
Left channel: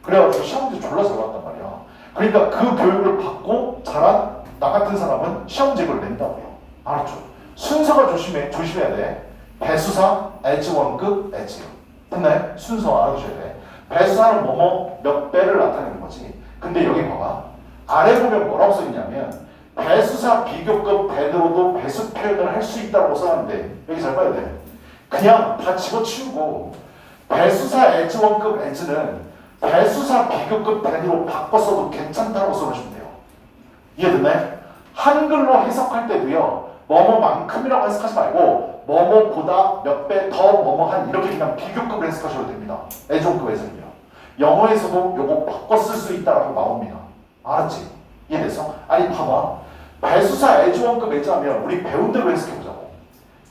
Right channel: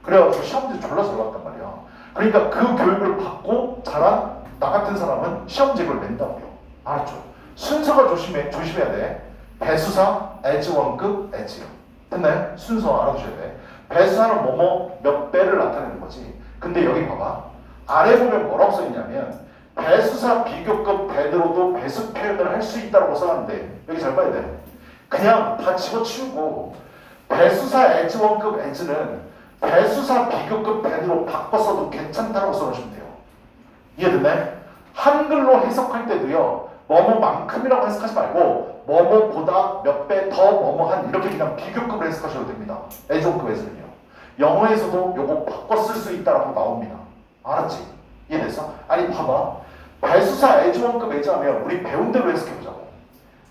그래가지고 시험지 졸라 잘 봤단 말이야. 그러니까 그 교육을 받고 자란 나 같은 사람은 시험지에 이걸 낸다고요. 알았죠? 순서가 조심해야 돼. 배수사 as1급 as요. 됐나요? 순서 알아두셔야 돼. 배수사는 뭐뭐 몇 배를 나타내는 거지. 근데 여기 봐봐. 아래 보면 뭐라고 써있냐면 배수사 비교급 배대로도 배수 표현을 할 수 있다고 써놨는데 여기 잘 봐야 돼. 그냥 다 집어치우고 배수사 as1급 as는 배수사 비교급 배대로 바꿔서도 괜찮다고 써주시면 돼요. 이해됐나요? 한글로 해석할 때도요. 뭐뭐만큼이라고 해석하지 말고 뭐뭐보다 몇 배 더 뭐뭐한 이렇게 그냥 비교급을 해석하셔도 됩니다. as1급 as는요. 영어에서도 요거 바꿔 쓸 수 있다라고 나옵니다. 알았지? 이해됐어? 아니 봐봐. 배수사 as1급 as 하면 우리 배운 대로 해석해보자고.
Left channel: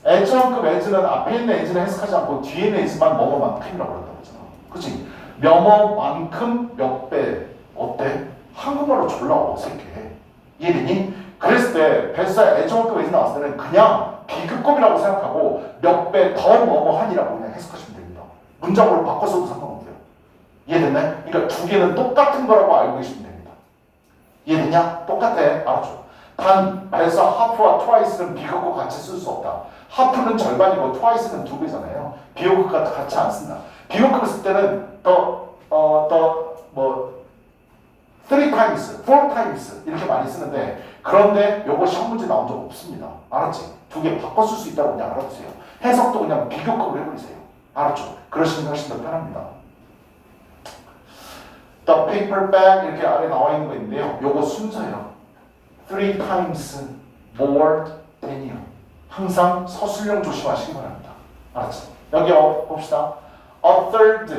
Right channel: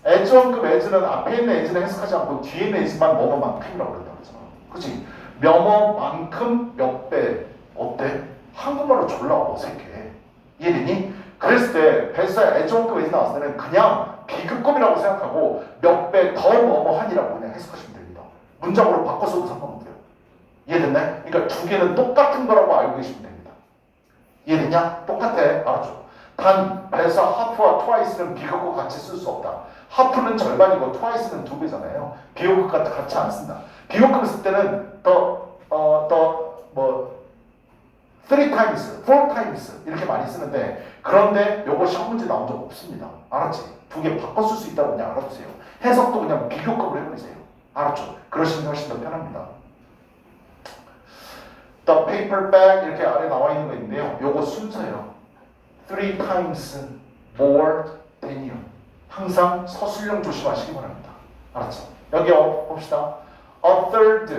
as1급 as는 앞에 있는 as는 해석하지 않고 뒤에 있는 as만 뭐뭐만큼이라고 그랬다고 했잖아. 그치? 뭐뭐만큼 몇 배. 어때? 한국말로 졸라 어색해. 이해되니? 그랬을 때 배수사 as1급 as 나왔을 때는 그냥 비교급이라고 생각하고 몇 배 더 뭐뭐한이라고 그냥 해석하시면 됩니다. 문장으로 바꿔서도 상관없어요. 이해됐나요? 그러니까 두 개는 똑같은 거라고 알고 계시면 됩니다. 이해됐냐? 똑같아. 알았죠? 단 배수사 하프와 twice는 비교급 같이 쓸 수 없다. 하프는 절반이고 twice는 2배잖아요. 비교급 같이 안 쓴다. 비교급을 쓸 때는 three times, four times 이렇게 많이 쓰는데 그런데 요거 시험 문제 나온 적 없습니다. 알았지? 두 개 바꿔 쓸 수 있다고 그냥 알아두세요. 해석도 그냥 비교급으로 해버리세요. 알았죠? 그러시면 훨씬 더 편합니다. The paper bag 이렇게 아래 나와 있는 거 있는데요. 요거 순서예요. Three times more than이요. 항상 서술형 조심하시기 바랍니다. 알았죠? 여기 봅시다. A third.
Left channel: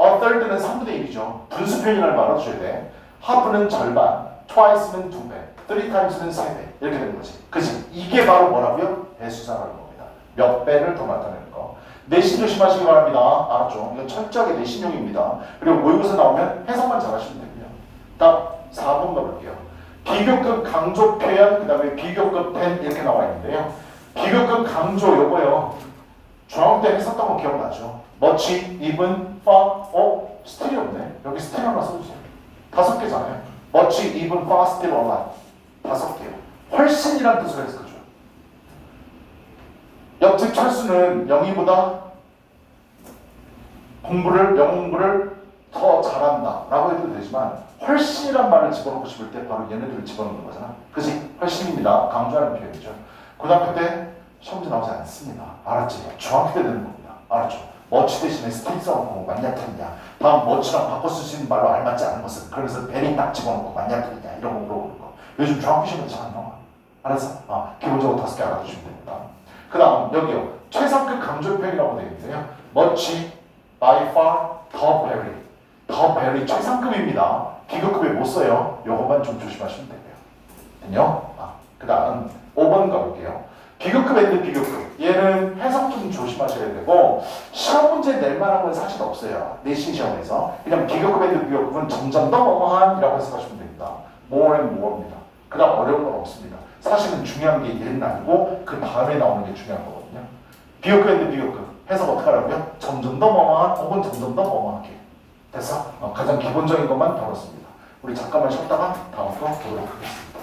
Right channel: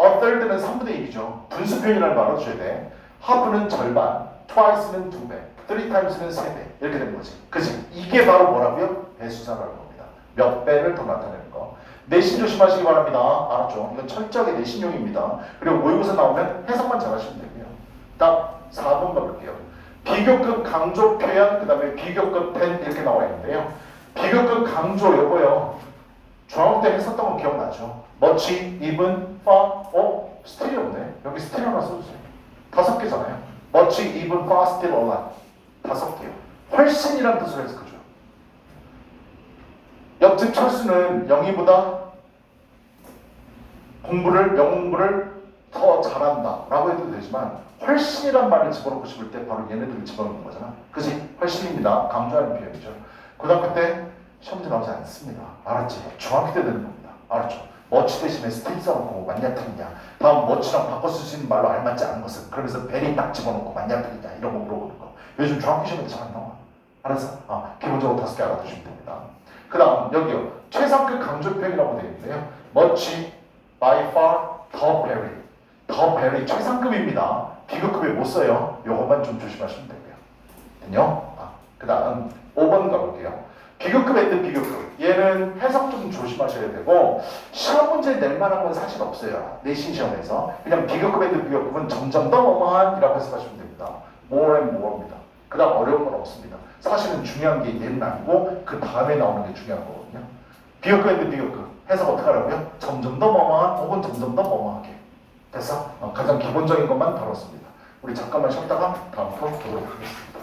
A third는 3분의 1이죠. 분수 표현이라는 거 알아두셔야 돼. half는 절반, twice는 2배, three times는 3배 이렇게 되는 거지. 그치? 이게 바로 뭐라고요? 배수사라는 겁니다. 몇 배를 더 나타내는 거. 내신 조심하시기 바랍니다. 알았죠? 이건 철저하게 내신용입니다. 그리고 모의고사 나오면 해석만 잘하시면 되고요. 다음 4번 가볼게요. 비교급 강조 표현, 그 다음에 비교급 펜 이렇게 나와 있는데요. 비교급 강조 요거요. 중학교 때 했었던 거 기억나죠? much, even, far, 스틸이 없네. 여기 스틸 하나 써주세요. 5개잖아요. much, even, far, still, a lot. 5개요. 훨씬이란 뜻으로 해석하죠. 옆집 철수는 영희보다 영어 공부를 더 잘한다 라고 해도 되지만 훨씬이란 말을 집어넣고 싶을 때 바로 얘네들을 집어넣는 거잖아. 그치? 훨씬입니다. 강조하는 표현이죠. 고등학교 때 시험지 나오지 않습니다. 알았지? 중학교 때 되는 겁니다. 알았죠? 머치 대신에 스틸 써놓고 맞냐 틀리냐. 다음 머치랑 바꿔 쓸 수 있는 말로 알맞지 않은 것은 그러면서 베리 딱 집어넣고 맞냐 틀리냐 이런 거 물어보는 거. 요즘 중학교 시험에 잘 안 나와. 알았어? 기본적으로 5개 알아두시면 됩니다. 그 다음 여기요. 최상급 강조 표현이라고 되어 있는데요. much, by far, the very. the very 최상급입니다. 비교급에 못 써요. 요것만 좀 조심하시면 되고요. 됐요? 그 다음 5번 가볼게요. 비교급 앤드 비교급. 얘는 해석 좀 조심하셔야 되고 시험 문제 낼 만한 건 사실 없어요. 내신 시험에서. 그냥 비교급 앤드 비교급은 점점 더 뭐뭐한이라고 해석하시면 됩니다. more and more입니다. 그 다음 어려운 건 없습니다. 사실은 중요한 게 얘는 아니고 그 다음에 나오는 게 중요한 거거든요. 비교급 있는 비교급 해석 어떻게 하라고요? 점점 더 뭐뭐한 혹은 점점 더 뭐뭐하게. 됐어? 가장 기본적인 것만 다뤘습니다. 우리 잠깐만 쉬었다가 다음 거 보도록 하겠습니다.